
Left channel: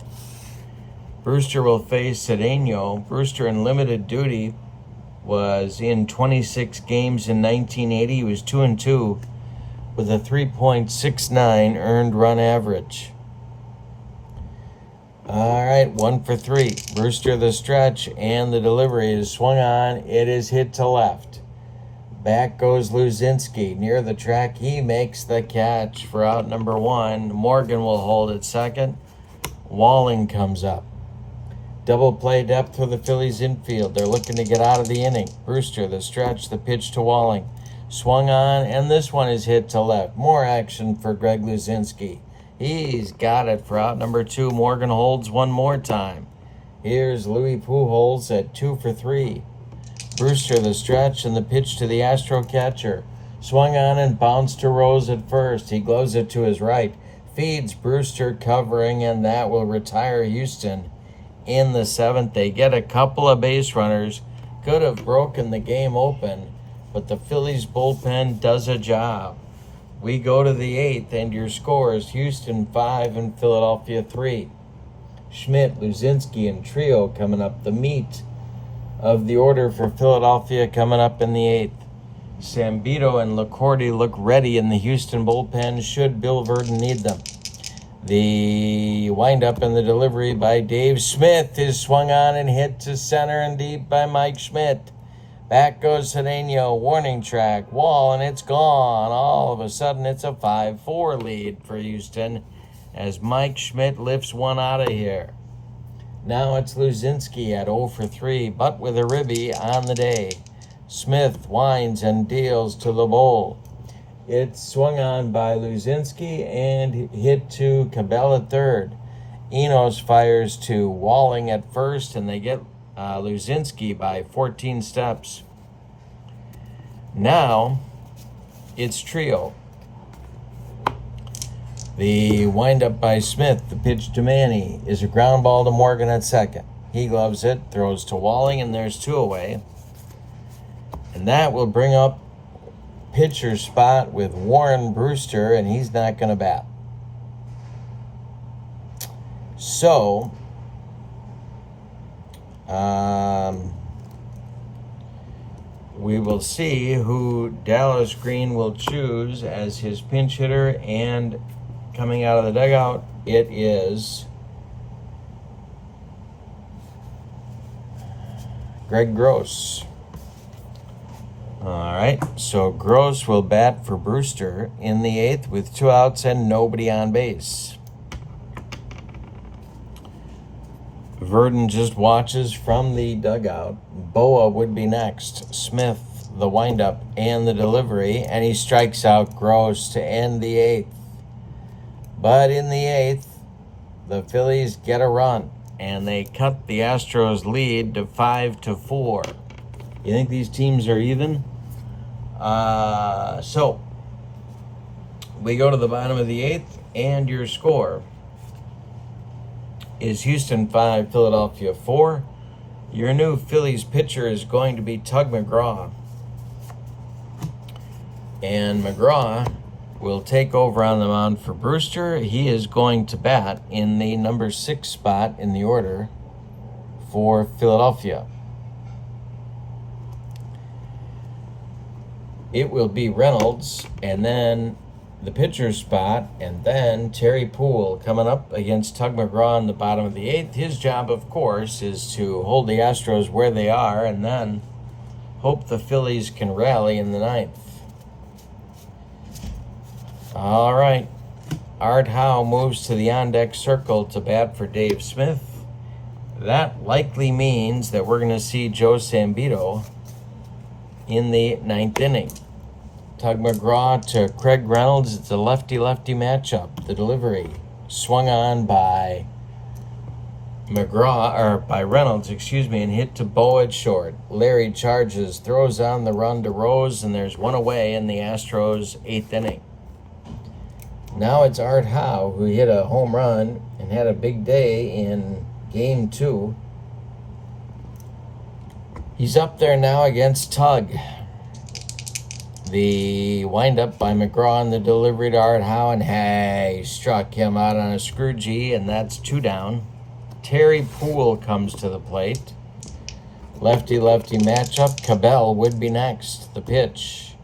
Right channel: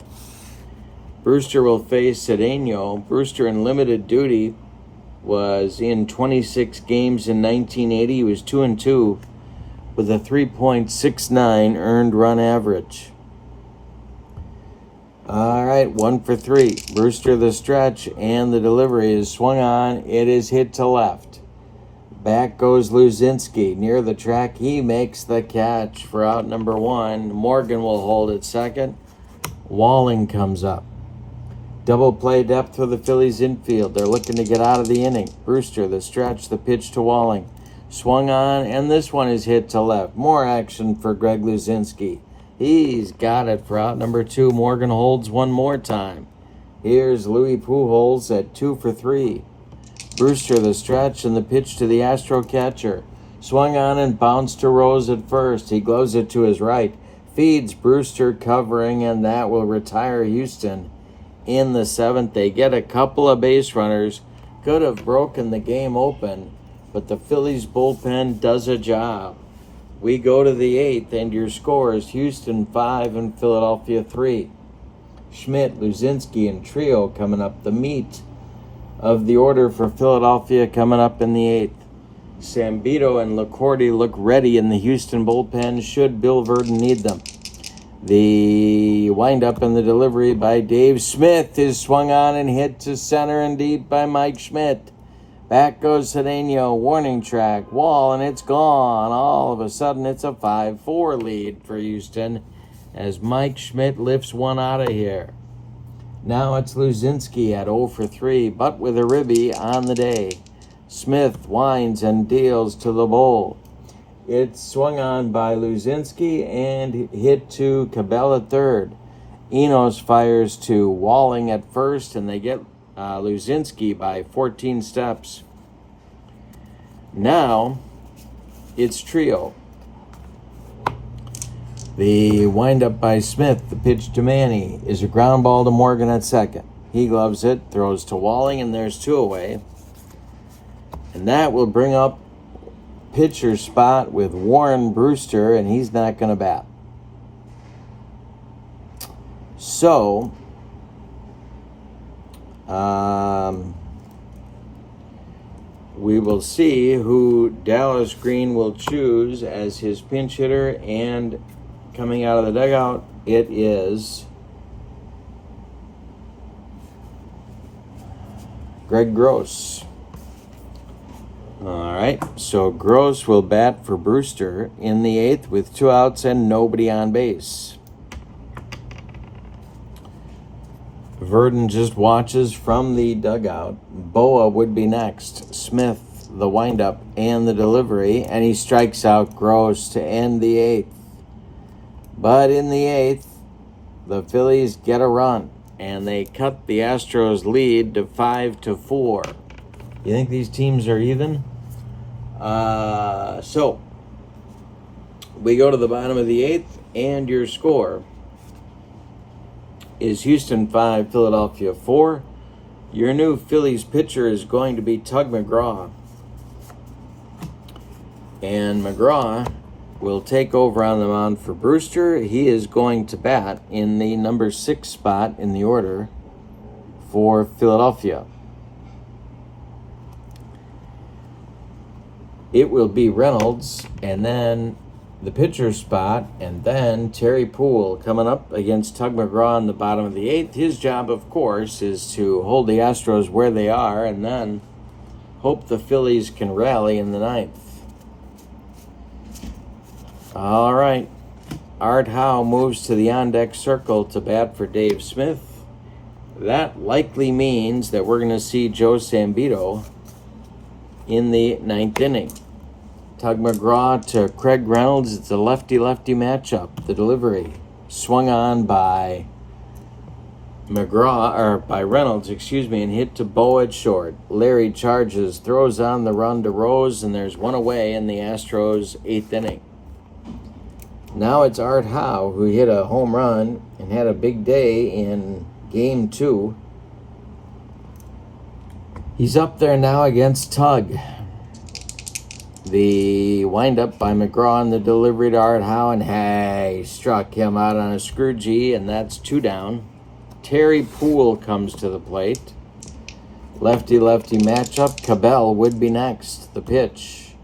Brewster will face Cedeno. Brewster in limited duty was in 26 games in 1980. He was 2-2 with a 3.69 earned run average. All right, 1 for 3. Brewster the stretch, and the delivery is swung on. It is hit to left. Back goes Luzinski near the track. He makes the catch for out number 1. Morgan will hold at second. Walling comes up. Double play depth for the Phillies infield. They're looking to get out of the inning. Brewster the stretch, the pitch to Walling. Swung on, and this one is hit to left. More action for Greg Luzinski. He's got it for out number 2. Morgan holds one more time. Here's Louis Pujols at 2 for 3. Brewster the stretch and the pitch to the Astro catcher. Swung on and bounced to Rose at first. He gloves it to his right. Feeds Brewster covering, and that will retire Houston in the 7th. They get a couple of base runners. Could have broken the game open, but the Phillies bullpen does a job. We go to the 8th, and your score is Houston 5 and Philadelphia 3. Schmidt, Luzinski, and Trio coming up. The meat of the order for Philadelphia coming up in the 8th. Sambito and LaCourte look ready in the Houston bullpen should Bill Verdon need them. The windup and the delivery by Dave Smith is swung on and hit to center and deep by Mike Schmidt. Back goes Cedeno, warning track, wall, and it's gone. All of a sudden, it's a 5-4 lead for Houston as Mike Schmidt lifts one out of here. Now it's Luzinski at 0 for 3, but with a ribby on the day. Smith winds and deals to LeBeau. It's swung on by Luzinski and hit to Cabell at third. Enos fires to Walling at first, and they get Luzinski by 14 steps. Now it's trio. The windup by Smith, the pitch to Manny, is a ground ball to Morgan at second. He gloves it, throws to Walling, and there's 2 away. And that will bring up pitcher spot with Warren Brewster, and he's not going to bat. So, we will see who Dallas Green will choose as his pinch hitter, and coming out of the dugout, it is Greg Gross. All right, so Gross will bat for Brewster in the 8th with 2 outs and nobody on base. Verdon just watches from the dugout. Boa would be next. Smith, the windup and the delivery, and he strikes out Gross to end the 8th. But in the 8th, the Phillies get a run, and they cut the Astros lead to 5-4. You think these teams are even? So we go to the bottom of the 8th, and your score is Houston 5, Philadelphia 4. Your new Phillies pitcher is going to be Tug McGraw. And McGraw will take over on the mound for Brewster. He is going to bat in the number 6 spot in the order for Philadelphia. It will be Reynolds, and then the pitcher spot, and then Terry Poole coming up against Tug McGraw in the bottom of the 8th. His job, of course, is to hold the Astros where they are and then hope the Phillies can rally in the 9th. All right. Art Howe moves to the on-deck circle to bat for Dave Smith. That likely means that we're going to see Joe Sambito in the 9th inning. Tug McGraw to Craig Reynolds. It's a lefty-lefty matchup. The delivery swung on by Reynolds, and hit to Boa at short. Larry charges, throws on the run to Rose, and there's 1 away in the Astros' 8th inning. Now it's Art Howe, who hit a home run and had a big day in Game 2. He's up there now against Tug. The windup by McGraw and the delivery to Art Howe, and he struck him out on a screwgee, and that's 2 down. Terry Poole comes to the plate. Lefty-lefty matchup. Cabell would be next. The pitch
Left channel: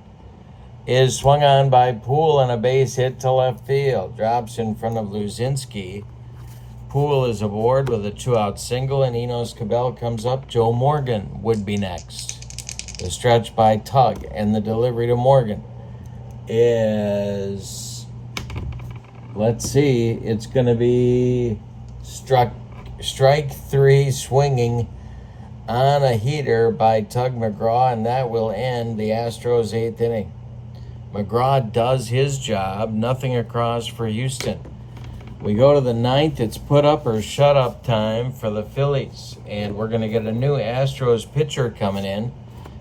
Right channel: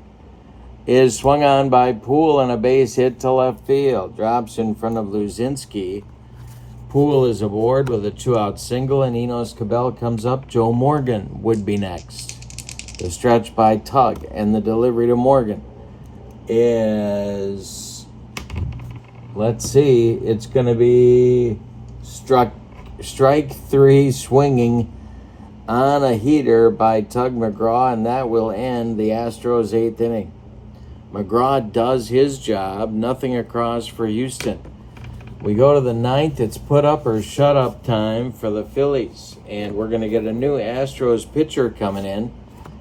is swung on by Poole, and a base hit to left field. Drops in front of Luzinski. Poole is aboard with a 2-out single, and Enos Cabell comes up. Joe Morgan would be next. The stretch by Tug, and the delivery to Morgan is, let's see, it's going to be strike 3 swinging on a heater by Tug McGraw, and that will end the Astros' 8th inning. McGraw does his job, nothing across for Houston. We go to the 9th. It's put up or shut up time for the Phillies, and we're going to get a new Astros pitcher coming in.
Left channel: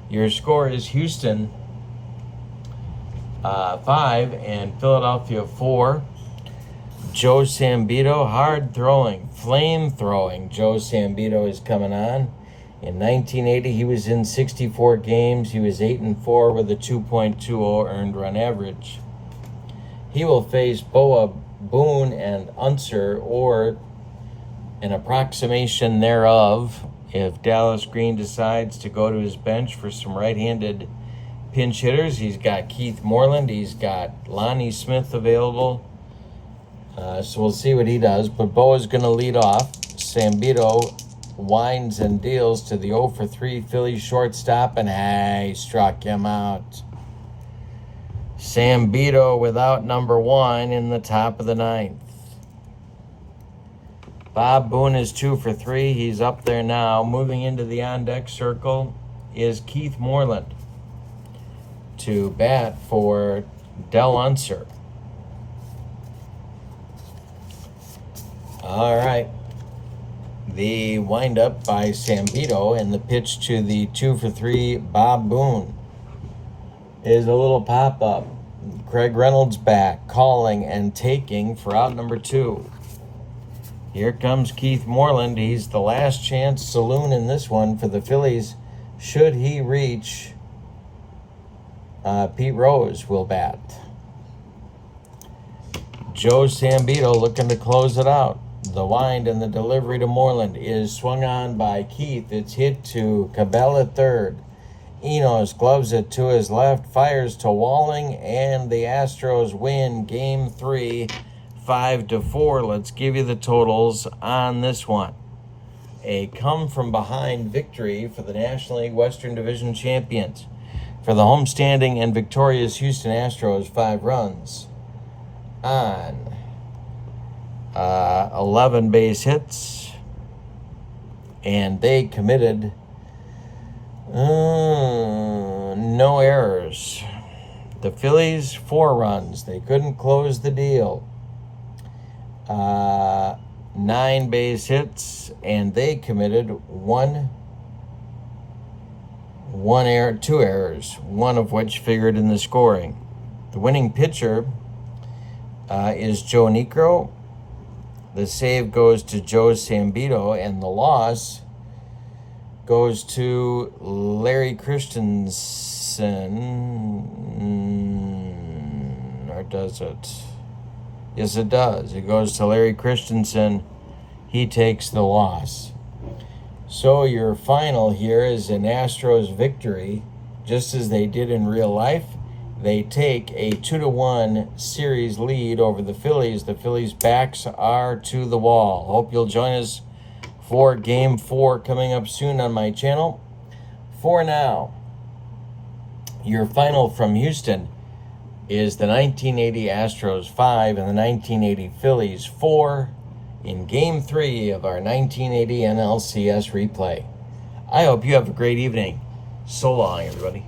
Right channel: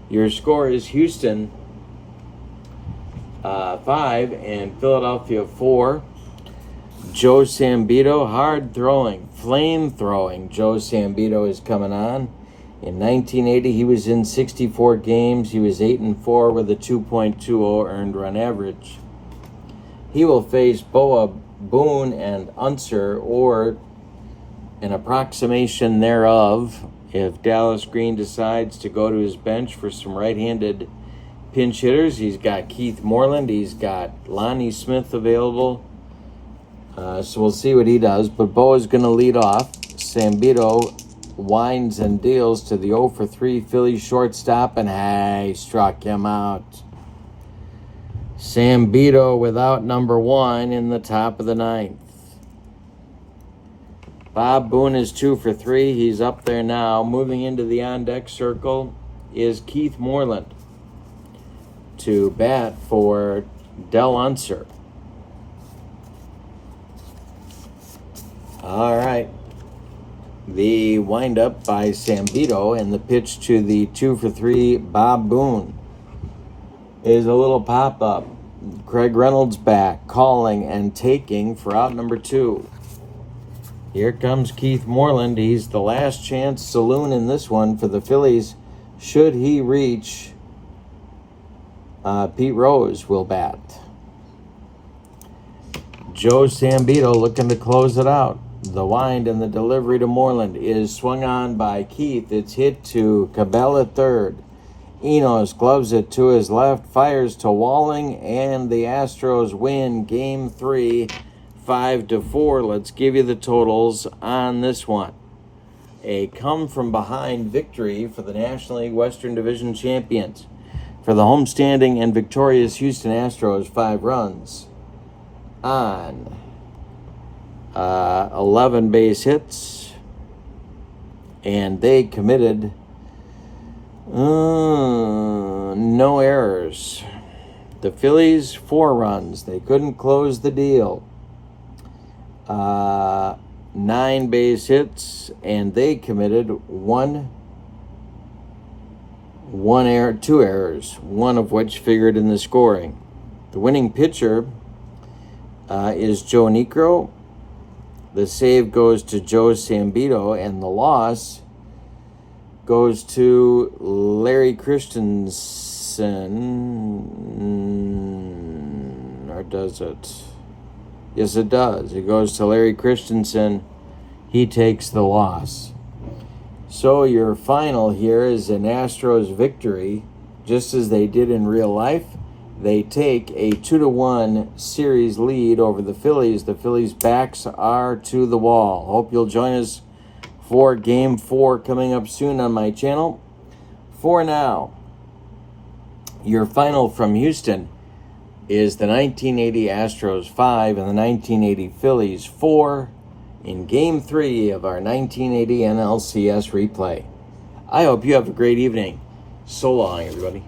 Your score is Houston 5 and Philadelphia 4. Joe Sambito, hard throwing, flame throwing. Joe Sambito is coming on. In 1980, he was in 64 games. He was 8-4 with a 2.20 earned run average. He will face Boa, Boone, and Unser, or an approximation thereof, if Dallas Green decides to go to his bench for some right-handed pinch hitters. He's got Keith Moreland. He's got Lonnie Smith available. So we'll see what he does. But Boa's going to lead off. Sambito winds and deals to the 0 for 3 Phillies shortstop, and hey, struck him out. Zambito without number 1 in the top of the 9th. Bob Boone is 2 for 3. He's up there now. Moving into the on-deck circle is Keith Moreland to bat for Del Unser. All right. The windup by Zambito and the pitch to the 2 for 3 Bob Boone is a little pop-up. Craig Reynolds back, calling and taking for out number 2. Here comes Keith Moreland. He's the last chance saloon in this one for the Phillies. Should he reach, Pete Rose will bat. Joe Zambito looking to close it out. The wind and the delivery to Moreland is swung on by Keith. It's hit to Cabell at third. Enos gloves it to his left, fires to Walling, and the Astros win Game 3, 5-4. Let's give you the totals on this one. A come-from-behind victory for the National League Western Division champions. For the homestanding and victorious Houston Astros, 5 runs on 11 base hits, and they committed no errors. The Phillies, 4 runs. They couldn't close the deal. 9 base hits, and they committed 2 errors, one of which figured in the scoring. The winning pitcher is J.Niekro. The save goes to Joe Zambito, and the loss goes to Larry Christenson. Or does it? Yes, it does. It goes to Larry Christenson. He takes the loss. So your final here is an Astros victory, just as they did in real life. They take a 2-1 series lead over the Phillies. The Phillies' backs are to the wall. Hope you'll join us for Game 4 coming up soon on my channel. For now, your final from Houston is the 1980 Astros 5 and the 1980 Phillies 4 in Game 3 of our 1980 NLCS replay. I hope you have a great evening. So long, everybody.